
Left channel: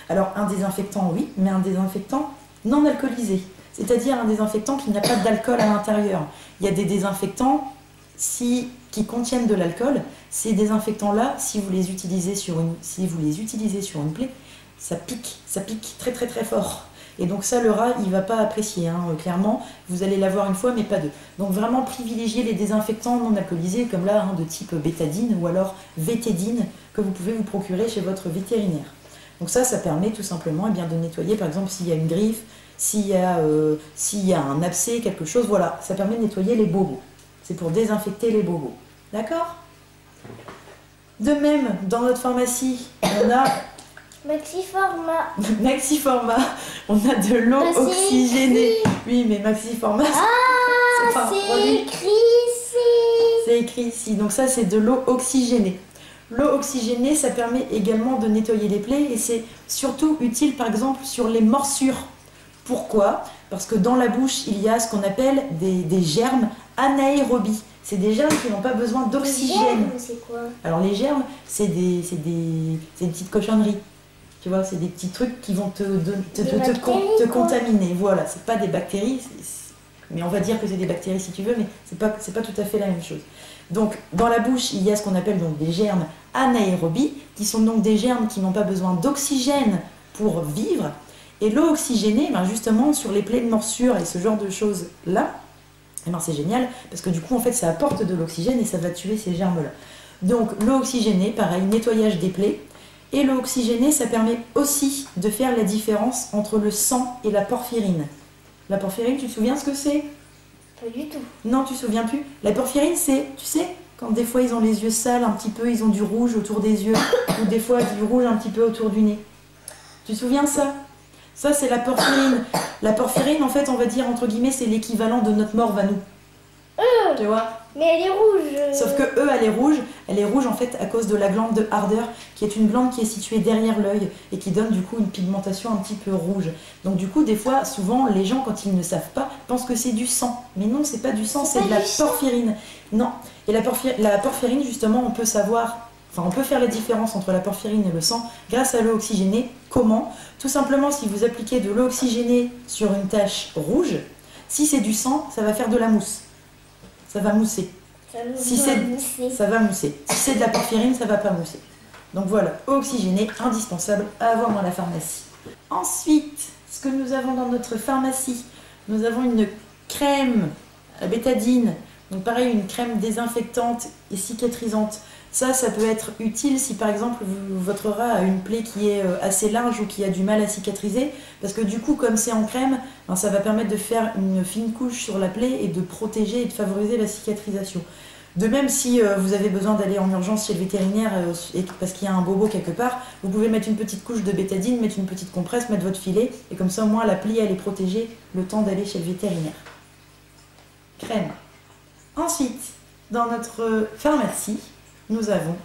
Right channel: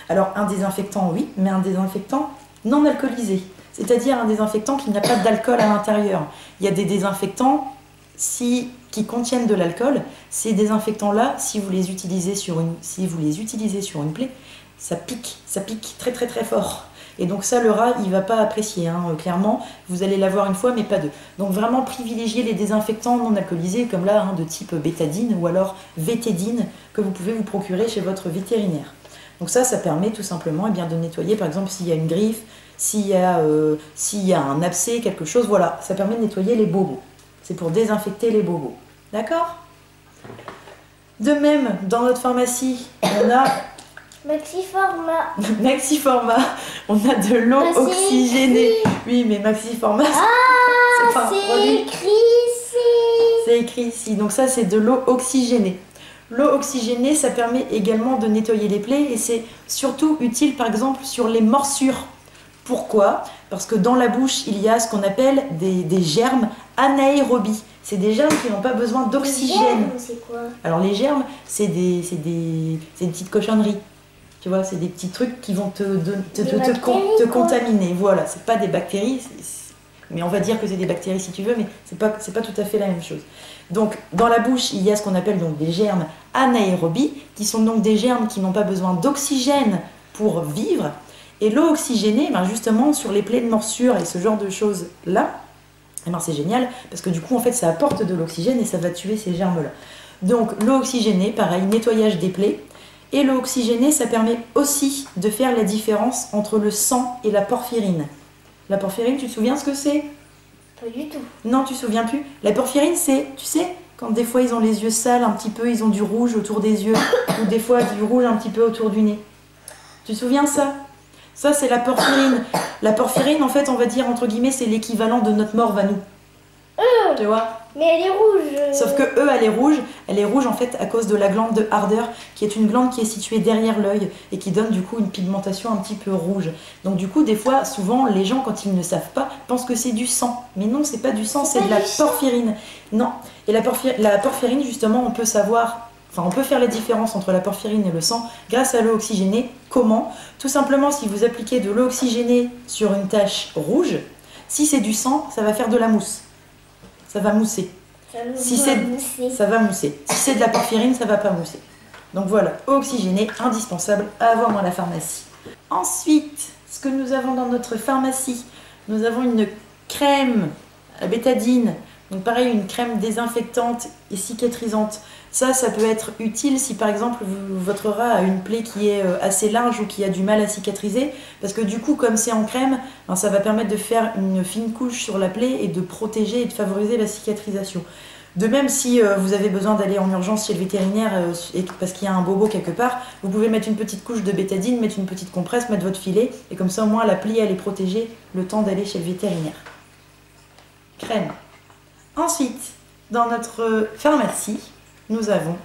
Alors un désinfectant, oui, mais un désinfectant non alcoolisé. C'est-à-dire un désinfectant qui n'a pas d'alcool à l'intérieur. Il y a des désinfectants qui contiennent de l'alcool. Ces désinfectants-là, si vous les utilisez sur une plaie, ça pique très très très fort. Et donc ça, le rat, il ne va pas apprécier, hein, clairement. Vous allez l'avoir une fois, mais pas deux. Donc vraiment privilégiez les désinfectants non alcoolisés, comme là, hein, de type bétadine ou alors vétédine, que vous pouvez vous procurer chez votre vétérinaire. Donc ça permet tout simplement de nettoyer, par exemple, s'il y a une griffe, s'il y a un abcès, quelque chose, voilà. Ça permet de nettoyer les bobos. C'est pour désinfecter les bobos. D'accord? De même, dans notre pharmacie, on a... Maxiformat, on a de l'eau oxygénée. Oui, mais Maxiformat, c'est pas un produit. Écrit ici. C'est écrit ici. Donc ça, c'est de l'eau oxygénée. L'eau oxygénée, ça permet également de nettoyer les plaies et c'est surtout utile, par exemple, sur les morsures. Pourquoi? Parce que dans la bouche, il y a ce qu'on appelle des germes anaérobies. C'est des germes qui n'ont pas besoin d'oxygène. C'est quoi? Alors les germes, c'est des petites cochonneries. Tu vois, c'est des petits trucs qui vont te contaminer. Voilà, c'est pas des bactéries, mais on va dire que c'est des bactéries si tu veux, mais c'est pas tout à fait la même chose. Donc, dans la bouche, il y a ce qu'on appelle donc des germes anaérobies, qui sont donc des germes qui n'ont pas besoin d'oxygène pour vivre. Et l'eau oxygénée, justement, sur les plaies de morsure et ce genre de choses-là, c'est génial, parce que du coup, en fait, ça apporte de l'oxygène et ça va tuer ces germes-là. Donc, l'eau oxygénée, pareil, nettoyage des plaies. Et l'eau oxygénée, ça permet aussi de faire la différence entre le sang et la porphyrine. La porphyrine, tu te souviens ce que c'est? Pas du tout. Non, tu te souviens plus? La porphyrine, c'est, tu sais, quand des fois ils ont les yeux sales un petit peu, ils ont du rouge autour des yeux, ou des fois du rouge un petit peu autour du nez. Tu te souviens ça? Ça, c'est la porphyrine. La porphyrine, en fait, on va dire, entre guillemets, c'est l'équivalent de notre morve à nous. Tu vois? Mais elle est rouge. Sauf que elle est rouge en fait à cause de la glande de Harder, qui est une glande qui est située derrière l'œil et qui donne du coup une pigmentation un petit peu rouge. Donc du coup, des fois, souvent, les gens, quand ils ne savent pas, pensent que c'est du sang. Mais non, c'est pas du sang, c'est de la porphyrine. Non. Et la porphyrine, justement, on peut faire la différence entre la porphyrine et le sang grâce à l'eau oxygénée. Comment? Tout simplement, si vous appliquez de l'eau oxygénée sur une tache rouge, si c'est du sang, ça va faire de la mousse. Ça va mousser. Ça va mousser. Si c'est de la porphyrine, ça va pas mousser. Donc voilà, eau oxygénée, indispensable à avoir dans la pharmacie. Ensuite, ce que nous avons dans notre pharmacie, nous avons une crème à bétadine. Donc pareil, une crème désinfectante et cicatrisante. Ça peut être utile si par exemple votre rat a une plaie qui est assez large ou qui a du mal à cicatriser. Parce que du coup, comme c'est en crème, ça va permettre de faire une fine couche sur la plaie et de protéger et de favoriser la cicatrisation. De même, si vous avez besoin d'aller en urgence chez le vétérinaire parce qu'il y a un bobo quelque part, vous pouvez mettre une petite couche de bétadine, mettre une petite compresse, mettre votre filet, et comme ça au moins la plaie elle est protégée le temps d'aller chez le vétérinaire. Crème. Ensuite, dans notre pharmacie, nous avons...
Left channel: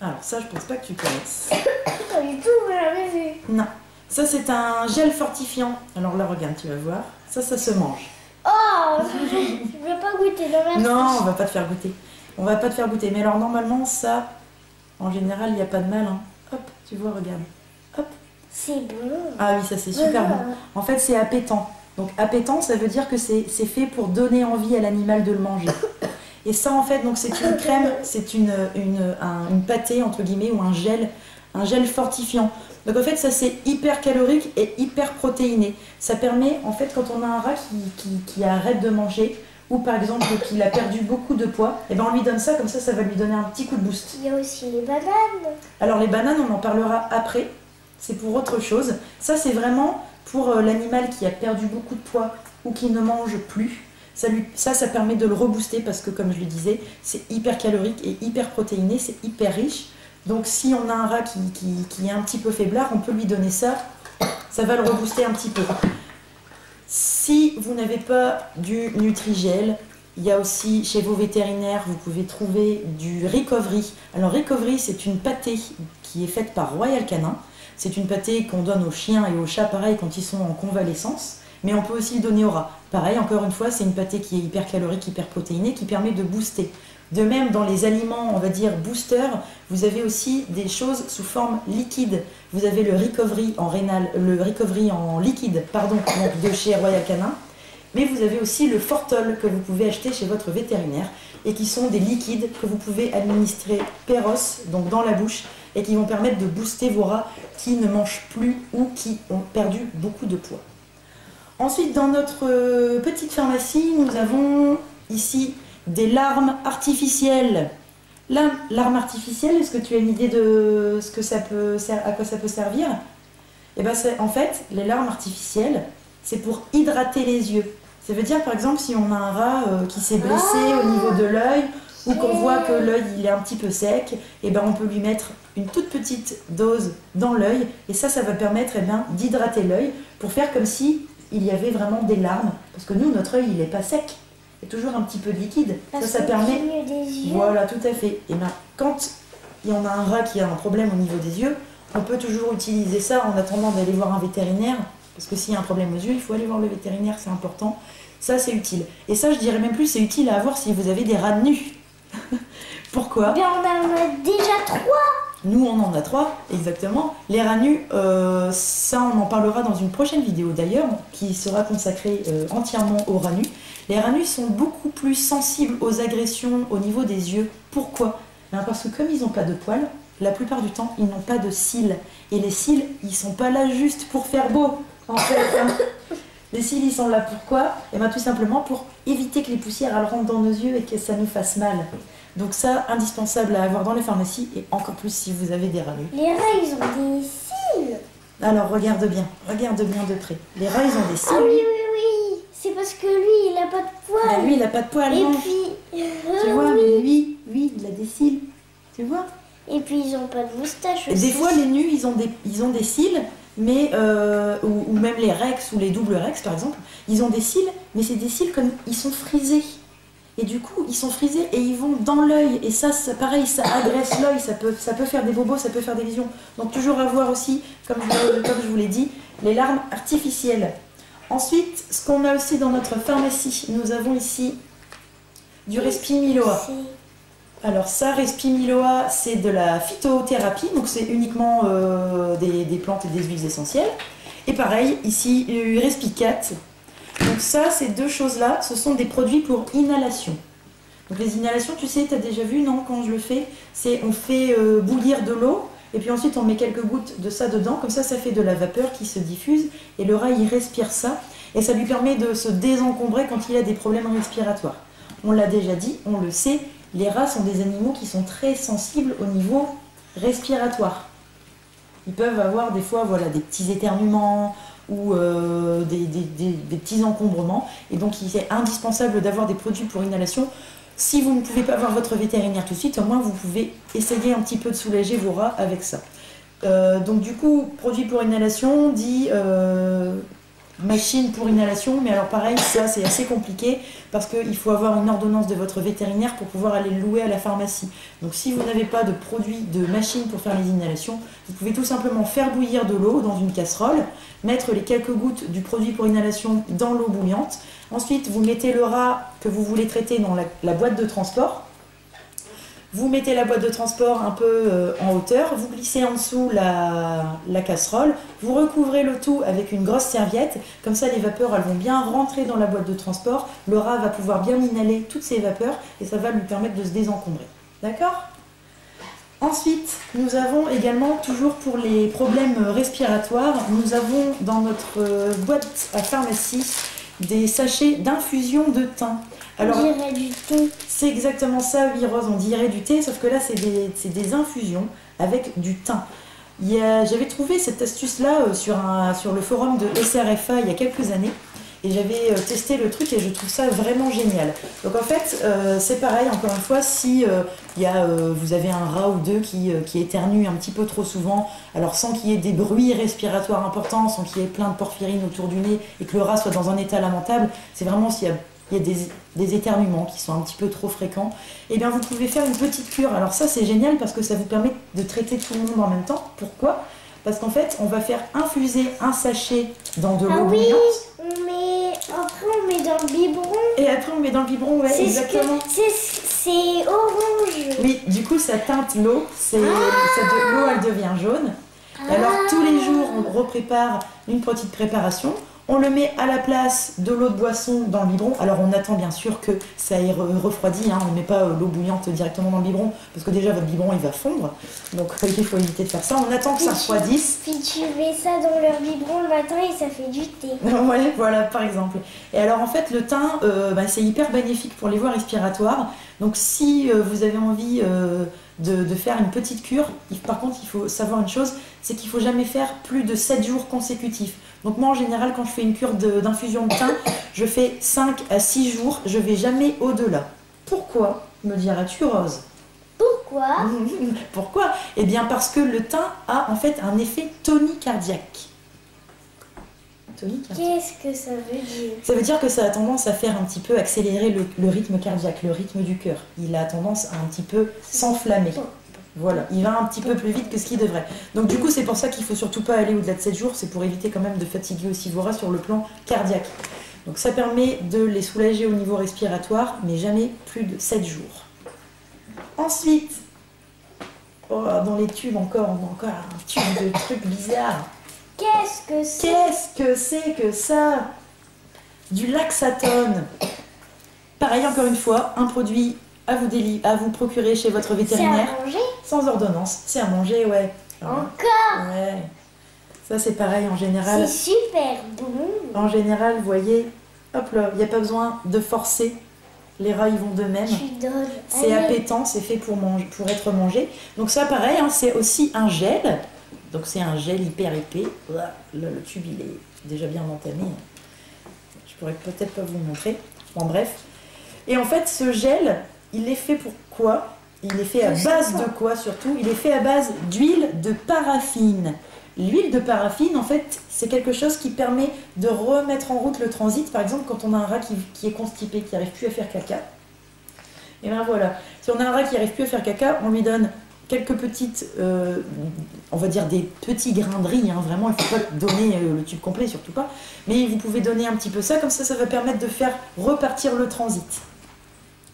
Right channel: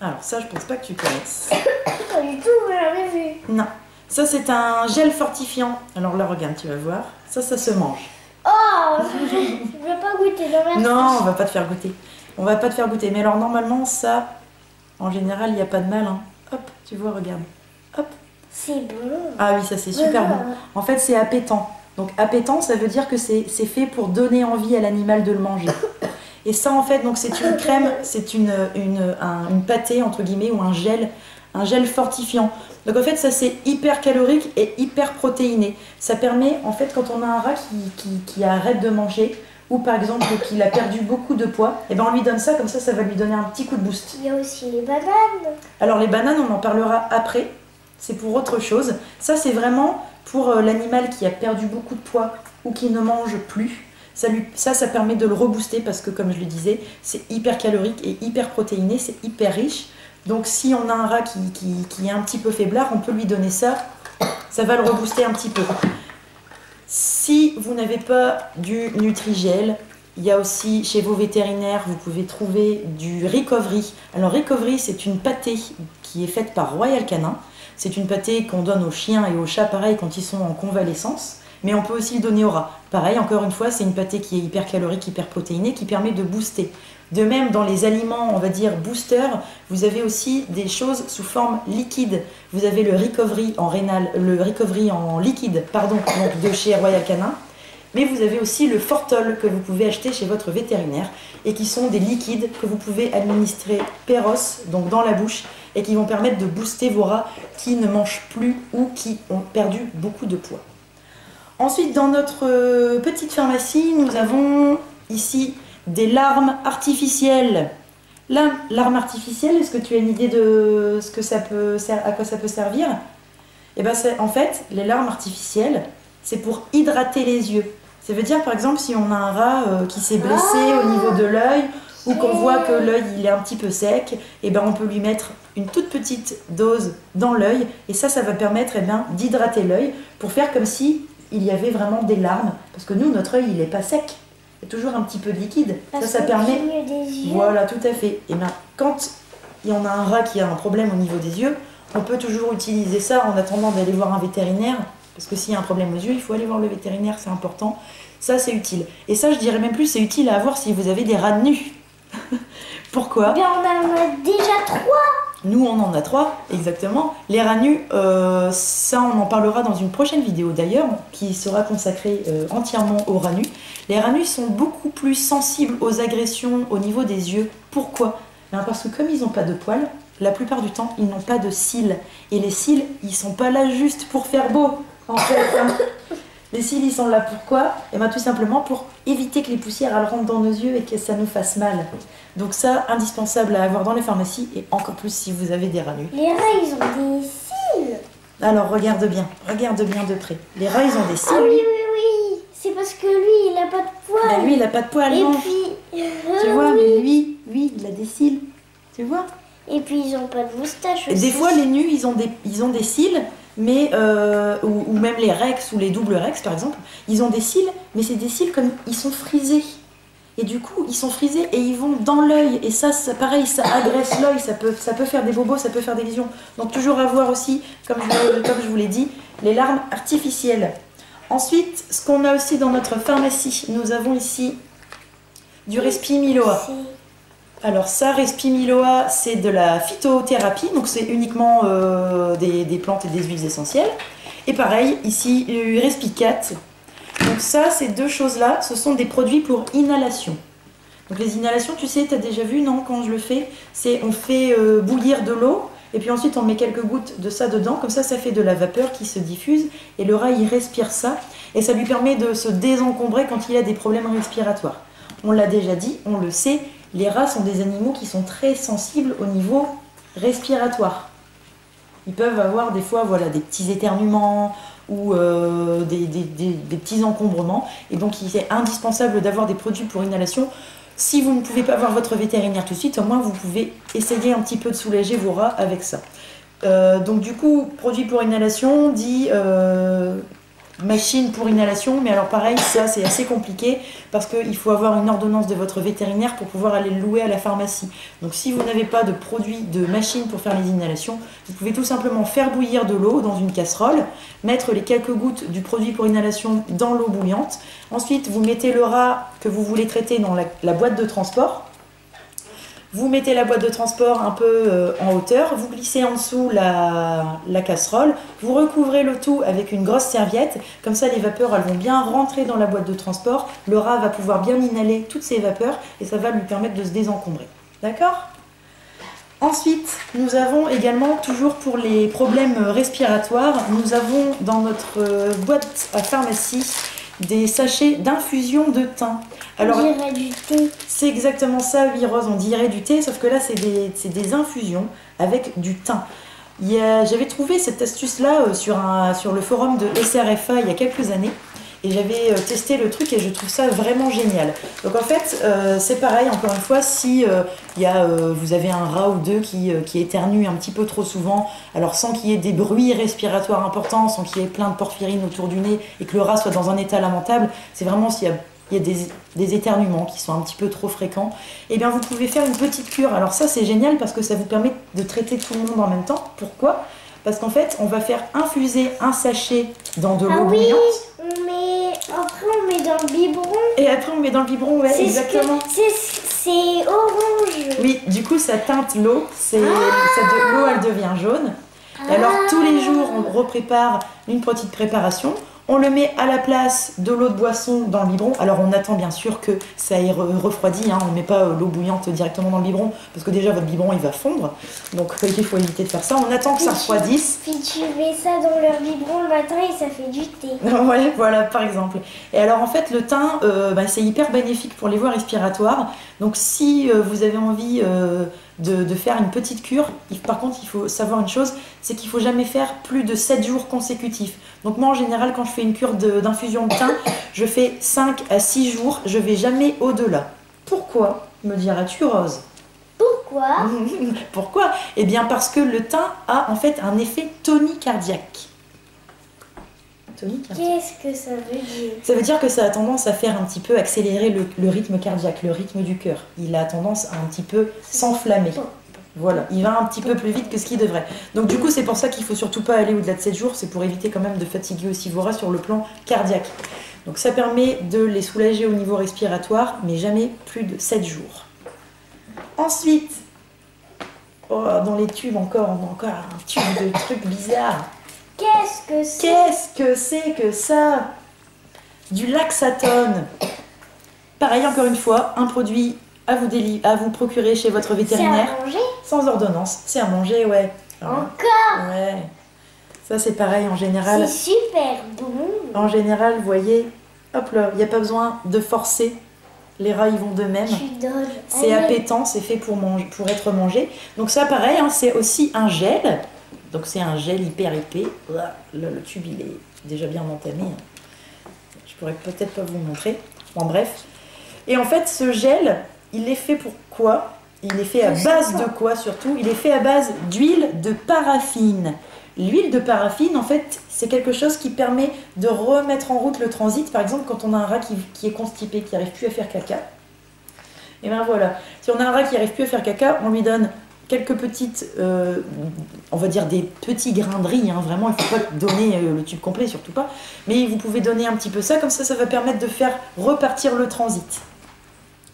Alors ça, je pense pas que tu connaisses. Pas du tout, vous l'avez vu. Non. Ça, c'est un gel fortifiant. Alors là, regarde, tu vas voir. Ça se mange. Oh, je veux pas goûter, non merci. Non, on va pas te faire goûter. On va pas te faire goûter. Mais alors normalement, ça, en général, il n'y a pas de mal. Hein. Hop, tu vois, regarde. Hop. C'est bon. Ah oui, ça c'est super bon. En fait, c'est appétant. Donc appétant, ça veut dire que c'est fait pour donner envie à l'animal de le manger. Et ça, en fait, donc c'est une crème, c'est une pâtée, entre guillemets, ou un gel fortifiant. Donc en fait, ça c'est hyper calorique et hyper protéiné. Ça permet, en fait, quand on a un rat qui arrête de manger, ou par exemple qu'il a perdu beaucoup de poids, et ben on lui donne ça, comme ça va lui donner un petit coup de boost. Il y a aussi les bananes. Alors les bananes, on en parlera après, c'est pour autre chose. Ça c'est vraiment pour l'animal qui a perdu beaucoup de poids ou qui ne mange plus. Ça permet de le rebooster parce que comme je le disais, c'est hyper calorique et hyper protéiné, c'est hyper riche. Donc si on a un rat qui est un petit peu faiblard, on peut lui donner ça, ça va le rebooster un petit peu. Si vous n'avez pas du Nutrigel, il y a aussi chez vos vétérinaires, vous pouvez trouver du Recovery. Alors Recovery, c'est une pâtée qui est faite par Royal Canin. C'est une pâtée qu'on donne aux chiens et aux chats, pareil, quand ils sont en convalescence. Mais on peut aussi le donner aux rats. Pareil, encore une fois, c'est une pâtée qui est hyper calorique, hyper protéinée, qui permet de booster. De même, dans les aliments, on va dire boosters, vous avez aussi des choses sous forme liquide. Vous avez le Recovery en liquide, pardon, donc de chez Royal Canin. Mais vous avez aussi le Fortol que vous pouvez acheter chez votre vétérinaire et qui sont des liquides que vous pouvez administrer péros, donc dans la bouche, et qui vont permettre de booster vos rats qui ne mangent plus ou qui ont perdu beaucoup de poids. Ensuite, dans notre petite pharmacie, nous avons ici des larmes artificielles. Larmes artificielles, est-ce que tu as une idée de ce que à quoi ça peut servir? Eh ben, en fait, les larmes artificielles, c'est pour hydrater les yeux. Ça veut dire, par exemple, si on a un rat qui s'est blessé au niveau de l'œil ou qu'on voit que l'œil il est un petit peu sec, eh ben, on peut lui mettre une toute petite dose dans l'œil et ça va permettre d'hydrater l'œil pour faire comme si il y avait vraiment des larmes. Parce que nous, notre œil, il n'est pas sec. Il y a toujours un petit peu de liquide. Ça permet... Des yeux. Voilà, tout à fait. Et bien, quand il y en a un rat qui a un problème au niveau des yeux, on peut toujours utiliser ça en attendant d'aller voir un vétérinaire. Parce que s'il y a un problème aux yeux, il faut aller voir le vétérinaire, c'est important. Ça, c'est utile. Et ça, je dirais même plus, c'est utile à avoir si vous avez des rats nus. Pourquoi? Bien, on en a déjà 3. Nous, on en a 3, exactement. Les rats nus, ça, on en parlera dans une prochaine vidéo d'ailleurs, qui sera consacrée entièrement aux rats nus. Les rats nus sont beaucoup plus sensibles aux agressions au niveau des yeux. Pourquoi? Parce que comme ils n'ont pas de poils, la plupart du temps, ils n'ont pas de cils. Et les cils, ils sont pas là juste pour faire beau, en fait. Hein. Les cils, ils sont là pourquoi? Et bien tout simplement pour éviter que les poussières elles rentrent dans nos yeux et que ça nous fasse mal. Donc ça, indispensable à avoir dans les pharmacies et encore plus si vous avez des rats nus. Les rats, ils ont des cils. Alors regarde bien de près. Les rats, ils ont des cils. Ah oui, oui, oui. C'est parce que lui, il n'a pas de poils. Ben, lui, il n'a pas de poils. Et non. puis... tu vois, oui. mais lui, il a des cils. Tu vois? Et puis, ils n'ont pas de moustache aussi. Des fois, les nus, ils ont des cils, mais ou même les rex ou les doubles rex, par exemple, ils ont des cils, mais c'est des cils comme ils sont frisés. Et du coup, ils sont frisés et ils vont dans l'œil. Et ça, pareil, ça agresse l'œil, ça peut faire des bobos, ça peut faire des lésions. Donc toujours avoir aussi, comme je vous l'ai dit, les larmes artificielles. Ensuite, ce qu'on a aussi dans notre pharmacie, nous avons ici du Respimiloa. Alors ça, Respimiloa, c'est de la phytothérapie, donc c'est uniquement des plantes et des huiles essentielles. Et pareil, ici, Respicat. Donc ça, ces deux choses-là, ce sont des produits pour inhalation. Donc les inhalations, tu sais, tu as déjà vu, non, quand je le fais, on fait bouillir de l'eau, et puis ensuite on met quelques gouttes de ça dedans, comme ça fait de la vapeur qui se diffuse, et le rat, il respire ça, et ça lui permet de se désencombrer quand il a des problèmes respiratoires. On l'a déjà dit, on le sait, les rats sont des animaux qui sont très sensibles au niveau respiratoire. Ils peuvent avoir des fois des petits éternuements ou des petits encombrements. Et donc il est indispensable d'avoir des produits pour inhalation. Si vous ne pouvez pas voir votre vétérinaire tout de suite, au moins vous pouvez essayer un petit peu de soulager vos rats avec ça. Donc du coup, produit pour inhalation dit machine pour inhalation, mais alors pareil, ça c'est assez compliqué parce qu'il faut avoir une ordonnance de votre vétérinaire pour pouvoir aller le louer à la pharmacie. Donc si vous n'avez pas de produit, de machine pour faire les inhalations, vous pouvez tout simplement faire bouillir de l'eau dans une casserole, mettre les quelques gouttes du produit pour inhalation dans l'eau bouillante. Ensuite, vous mettez le rat que vous voulez traiter dans la boîte de transport. Vous mettez la boîte de transport un peu en hauteur, vous glissez en dessous la casserole, vous recouvrez le tout avec une grosse serviette, comme ça les vapeurs elles vont bien rentrer dans la boîte de transport, le rat va pouvoir bien inhaler toutes ces vapeurs et ça va lui permettre de se désencombrer. D'accord ? Ensuite, nous avons également, toujours pour les problèmes respiratoires, nous avons dans notre boîte à pharmacie des sachets d'infusion de thym. Alors, on dirait du thé. C'est exactement ça, oui Rose, on dirait du thé, sauf que là c'est des infusions avec du thym. J'avais trouvé cette astuce-là sur le forum de SRFA il y a quelques années, et j'avais testé le truc et je trouve ça vraiment génial. Donc en fait, c'est pareil, encore une fois, si vous avez un rat ou deux qui éternue un petit peu trop souvent, alors sans qu'il y ait des bruits respiratoires importants, sans qu'il y ait plein de porphyrine autour du nez et que le rat soit dans un état lamentable, c'est vraiment s'il y a des éternuements qui sont un petit peu trop fréquents, et bien vous pouvez faire une petite cure. Alors ça c'est génial parce que ça vous permet de traiter tout le monde en même temps. Pourquoi ? Parce qu'en fait, on va faire infuser un sachet dans de l'eau bouillante. Après on met dans le biberon. Et après on met dans le biberon, ouais, exactement. C'est orange. Oui, du coup ça teinte l'eau, l'eau elle devient jaune. Et alors tous les jours on reprépare une petite préparation. On le met à la place de l'eau de boisson dans le biberon. Alors on attend bien sûr que ça ait refroidi, hein. On ne met pas l'eau bouillante directement dans le biberon parce que déjà votre biberon il va fondre. Donc il faut éviter de faire ça. On attend que ça refroidisse. Puis tu mets ça dans leur biberon le matin et ça fait du thé. Ouais, voilà par exemple. Et alors en fait le thym c'est hyper bénéfique pour les voies respiratoires. Donc si vous avez envie de faire une petite cure, par contre il faut savoir une chose, c'est qu'il ne faut jamais faire plus de 7 jours consécutifs. Donc moi en général quand je fais une cure d'infusion de thym, je fais 5 à 6 jours, je ne vais jamais au-delà. Pourquoi, me diras-tu Rose? Pourquoi? Pourquoi? Eh bien parce que le thym a en fait un effet tonicardiaque. Qu'est-ce que ça veut dire? Ça veut dire que ça a tendance à faire un petit peu accélérer le rythme cardiaque, le rythme du cœur. Il a tendance à un petit peu s'enflammer. Voilà, il va un petit peu plus vite que ce qu'il devrait. Donc du coup, c'est pour ça qu'il ne faut surtout pas aller au-delà de 7 jours. C'est pour éviter quand même de fatiguer aussi vos rats sur le plan cardiaque. Donc ça permet de les soulager au niveau respiratoire, mais jamais plus de 7 jours. Ensuite, dans les tubes encore, on a encore un tube de trucs bizarres. Qu'est-ce que c'est? Qu'est-ce que c'est que ça? Du laxatone. Pareil, encore une fois, un produit à vous procurer chez votre vétérinaire. C'est à manger? Sans ordonnance. C'est à manger, ouais. Encore? Ouais. Ça, c'est pareil en général. C'est super bon. En général, vous voyez, hop là, il n'y a pas besoin de forcer. Les rats, ils vont d'eux-mêmes. C'est appétant, c'est fait pour être mangé. Donc ça, pareil, hein, c'est aussi un gel. Donc c'est un gel hyper épais. Là, le tube, il est déjà bien entamé. Je pourrais peut-être pas vous le montrer. Bon, bref. Et en fait, ce gel, il est fait pour quoi? Il est fait à base de quoi surtout? Il est fait à base d'huile de paraffine. L'huile de paraffine, en fait, c'est quelque chose qui permet de remettre en route le transit. Par exemple, quand on a un rat qui est constipé, qui n'arrive plus à faire caca. Et bien voilà. Si on a un rat qui n'arrive plus à faire caca, on lui donne quelques petites, on va dire des petits grains de riz, hein, vraiment, il ne faut pas donner le tube complet, surtout pas, mais vous pouvez donner un petit peu ça, comme ça va permettre de faire repartir le transit.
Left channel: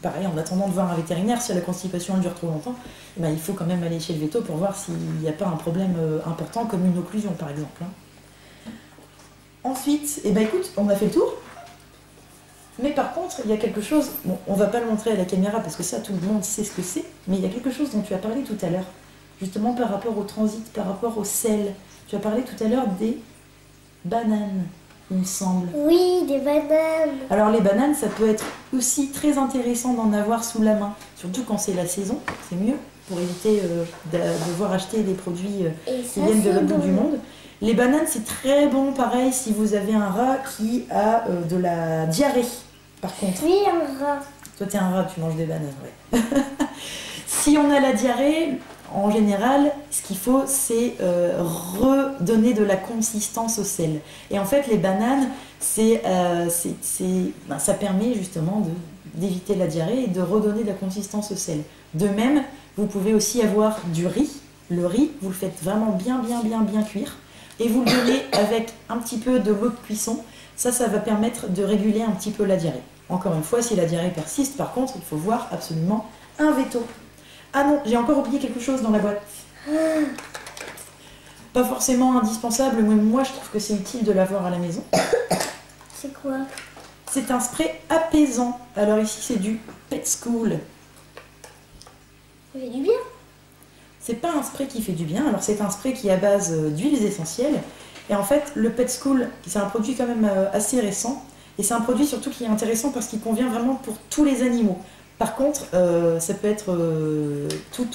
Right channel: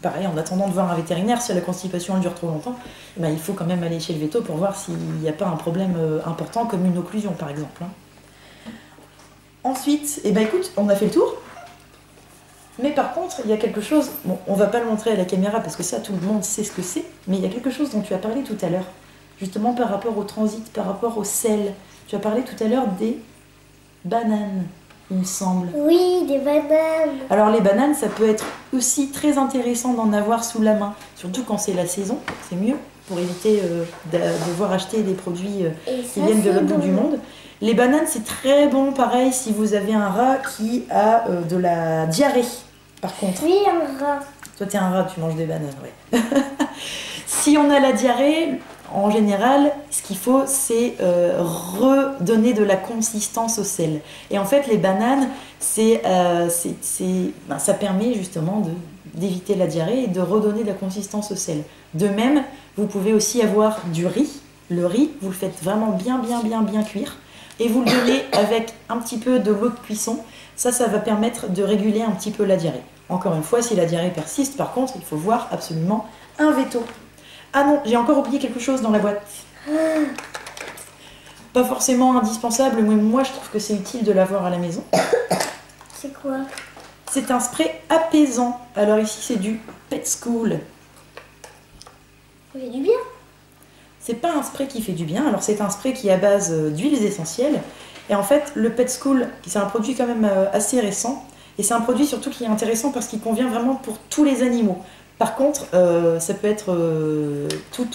Pareil, en attendant de voir un vétérinaire, si la constipation elle dure trop longtemps, ben, il faut quand même aller chez le véto pour voir s'il n'y a pas un problème important, comme une occlusion par exemple. Hein. Ensuite, eh ben, écoute, on a fait le tour. Mais par contre, il y a quelque chose, bon, on va pas le montrer à la caméra parce que ça, tout le monde sait ce que c'est, mais il y a quelque chose dont tu as parlé tout à l'heure, justement par rapport au transit, par rapport au sel. Tu as parlé tout à l'heure des bananes, il me semble. Oui, des bananes. Alors les bananes, ça peut être aussi très intéressant d'en avoir sous la main, surtout quand c'est la saison, c'est mieux, pour éviter de devoir acheter des produits qui viennent de l'autre bout du monde. Les bananes, c'est très bon, pareil, si vous avez un rat qui a de la diarrhée. Par contre. Oui, un rat. Toi, t'es un rat, tu manges des bananes, ouais. Si on a la diarrhée, en général, ce qu'il faut, c'est redonner de la consistance au sel. Et en fait, les bananes, ça permet justement d'éviter la diarrhée et de redonner de la consistance au sel. De même, vous pouvez aussi avoir du riz. Le riz, vous le faites vraiment bien cuire. Et vous le donnez avec un petit peu de l'eau de cuisson. Ça va permettre de réguler un petit peu la diarrhée. Encore une fois, si la diarrhée persiste, par contre, il faut voir absolument un veto. Ah non, j'ai encore oublié quelque chose dans la boîte. Pas forcément indispensable, mais moi je trouve que c'est utile de l'avoir à la maison. C'est quoi? C'est un spray apaisant. Alors ici c'est du Pet School. Ça fait du bien. C'est pas un spray qui fait du bien, alors c'est un spray qui est à base d'huiles essentielles. Et en fait, le Pet School, c'est un produit quand même assez récent. Et c'est un produit surtout qui est intéressant parce qu'il convient vraiment pour tous les animaux. Par contre, ça peut être tout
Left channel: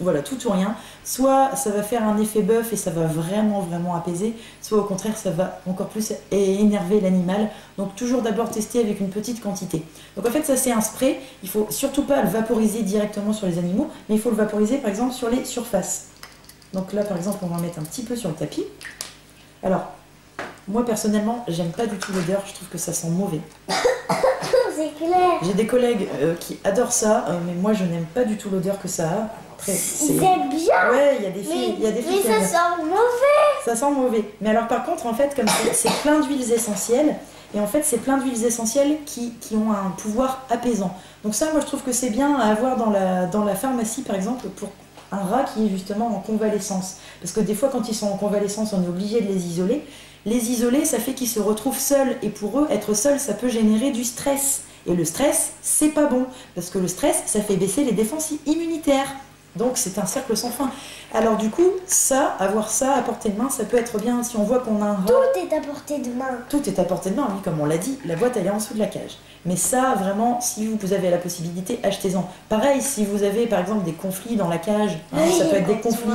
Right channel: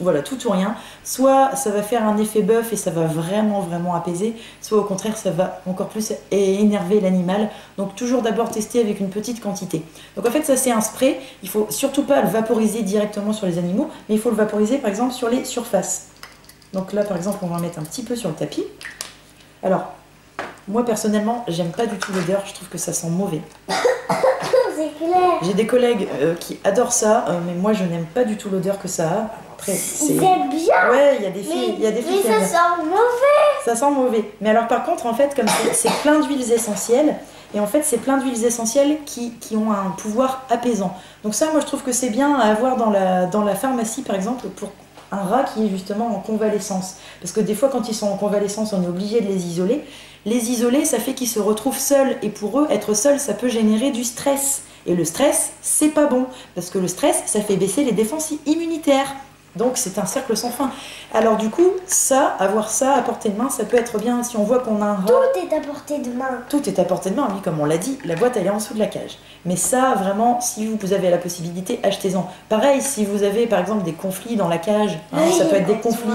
ou rien. Soit ça va faire un effet bœuf et ça va vraiment apaiser, soit au contraire ça va encore plus énerver l'animal. Donc toujours d'abord tester avec une petite quantité. Donc en fait ça c'est un spray, il faut surtout pas le vaporiser directement sur les animaux, mais il faut le vaporiser par exemple sur les surfaces. Donc là par exemple on va en mettre un petit peu sur le tapis. Alors, moi personnellement j'aime pas du tout l'odeur, je trouve que ça sent mauvais. C'est clair. J'ai des collègues qui adorent ça, mais moi je n'aime pas du tout l'odeur que ça a. Après, c'est bien. Ouais, il y a des filles, mais ça sent mauvais. Ça sent mauvais. Mais alors par contre, en fait, comme c'est plein d'huiles essentielles, et en fait c'est plein d'huiles essentielles qui ont un pouvoir apaisant. Donc ça, moi je trouve que c'est bien à avoir dans la pharmacie par exemple pour un rat qui est justement en convalescence. Parce que des fois quand ils sont en convalescence, on est obligé de les isoler. Les isoler, ça fait qu'ils se retrouvent seuls. Et pour eux, être seuls, ça peut générer du stress. Et le stress, c'est pas bon. Parce que le stress, ça fait baisser les défenses immunitaires. Donc c'est un cercle sans fin. Alors du coup, avoir ça à portée de main, ça peut être bien si on voit qu'on a un rat. Tout est à portée de main. Tout est à portée de main, oui, comme on l'a dit, la boîte elle est en dessous de la cage. Mais ça, vraiment, si vous avez la possibilité, achetez-en. Pareil, si vous avez par exemple des conflits dans la cage, ça peut être des conflits,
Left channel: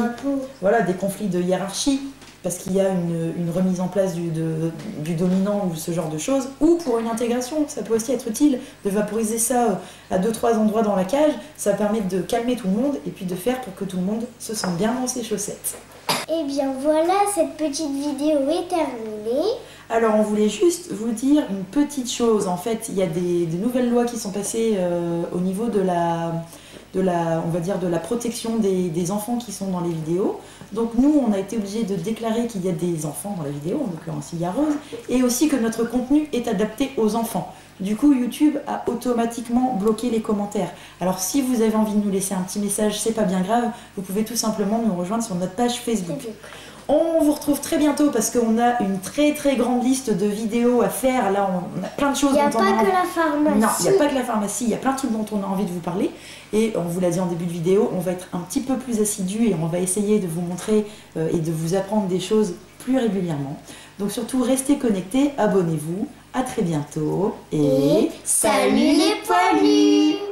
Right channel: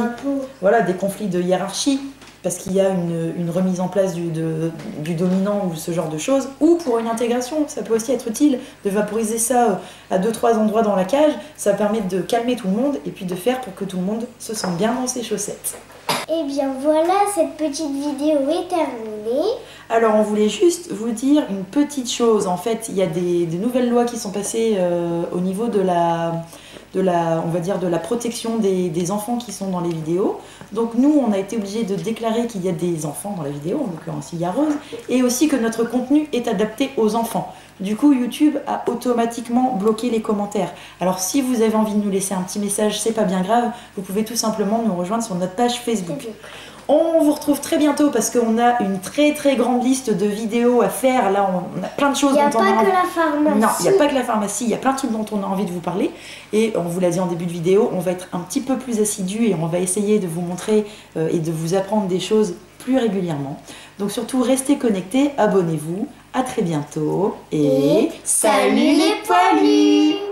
des conflits de hiérarchie, parce qu'il y a une remise en place du dominant ou ce genre de choses, ou pour une intégration, ça peut aussi être utile de vaporiser ça à 2-3 endroits dans la cage, ça permet de calmer tout le monde et puis de faire pour que tout le monde se sente bien dans ses chaussettes. Et bien voilà, cette petite vidéo est terminée. Alors on voulait juste vous dire une petite chose, en fait il y a des nouvelles lois qui sont passées au niveau de la protection des enfants qui sont dans les vidéos. Donc nous on a été obligés de déclarer qu'il y a des enfants dans la vidéo, en l'occurrence il y a Rose, et aussi que notre contenu est adapté aux enfants. Du coup YouTube a automatiquement bloqué les commentaires. Alors si vous avez envie de nous laisser un petit message, c'est pas bien grave, vous pouvez tout simplement nous rejoindre sur notre page Facebook. On vous retrouve très bientôt parce qu'on a une très grande liste de vidéos à faire. Là, on a plein de choses dont on a envie. Il n'y a pas que la pharmacie. Non, il n'y a pas que la pharmacie. Il y a plein de trucs dont on a envie de vous parler. Et on vous l'a dit en début de vidéo, on va être un petit peu plus assidu et on va essayer de vous montrer et de vous apprendre des choses plus régulièrement. Donc surtout, restez connectés, abonnez-vous. À très bientôt et salut les poilus!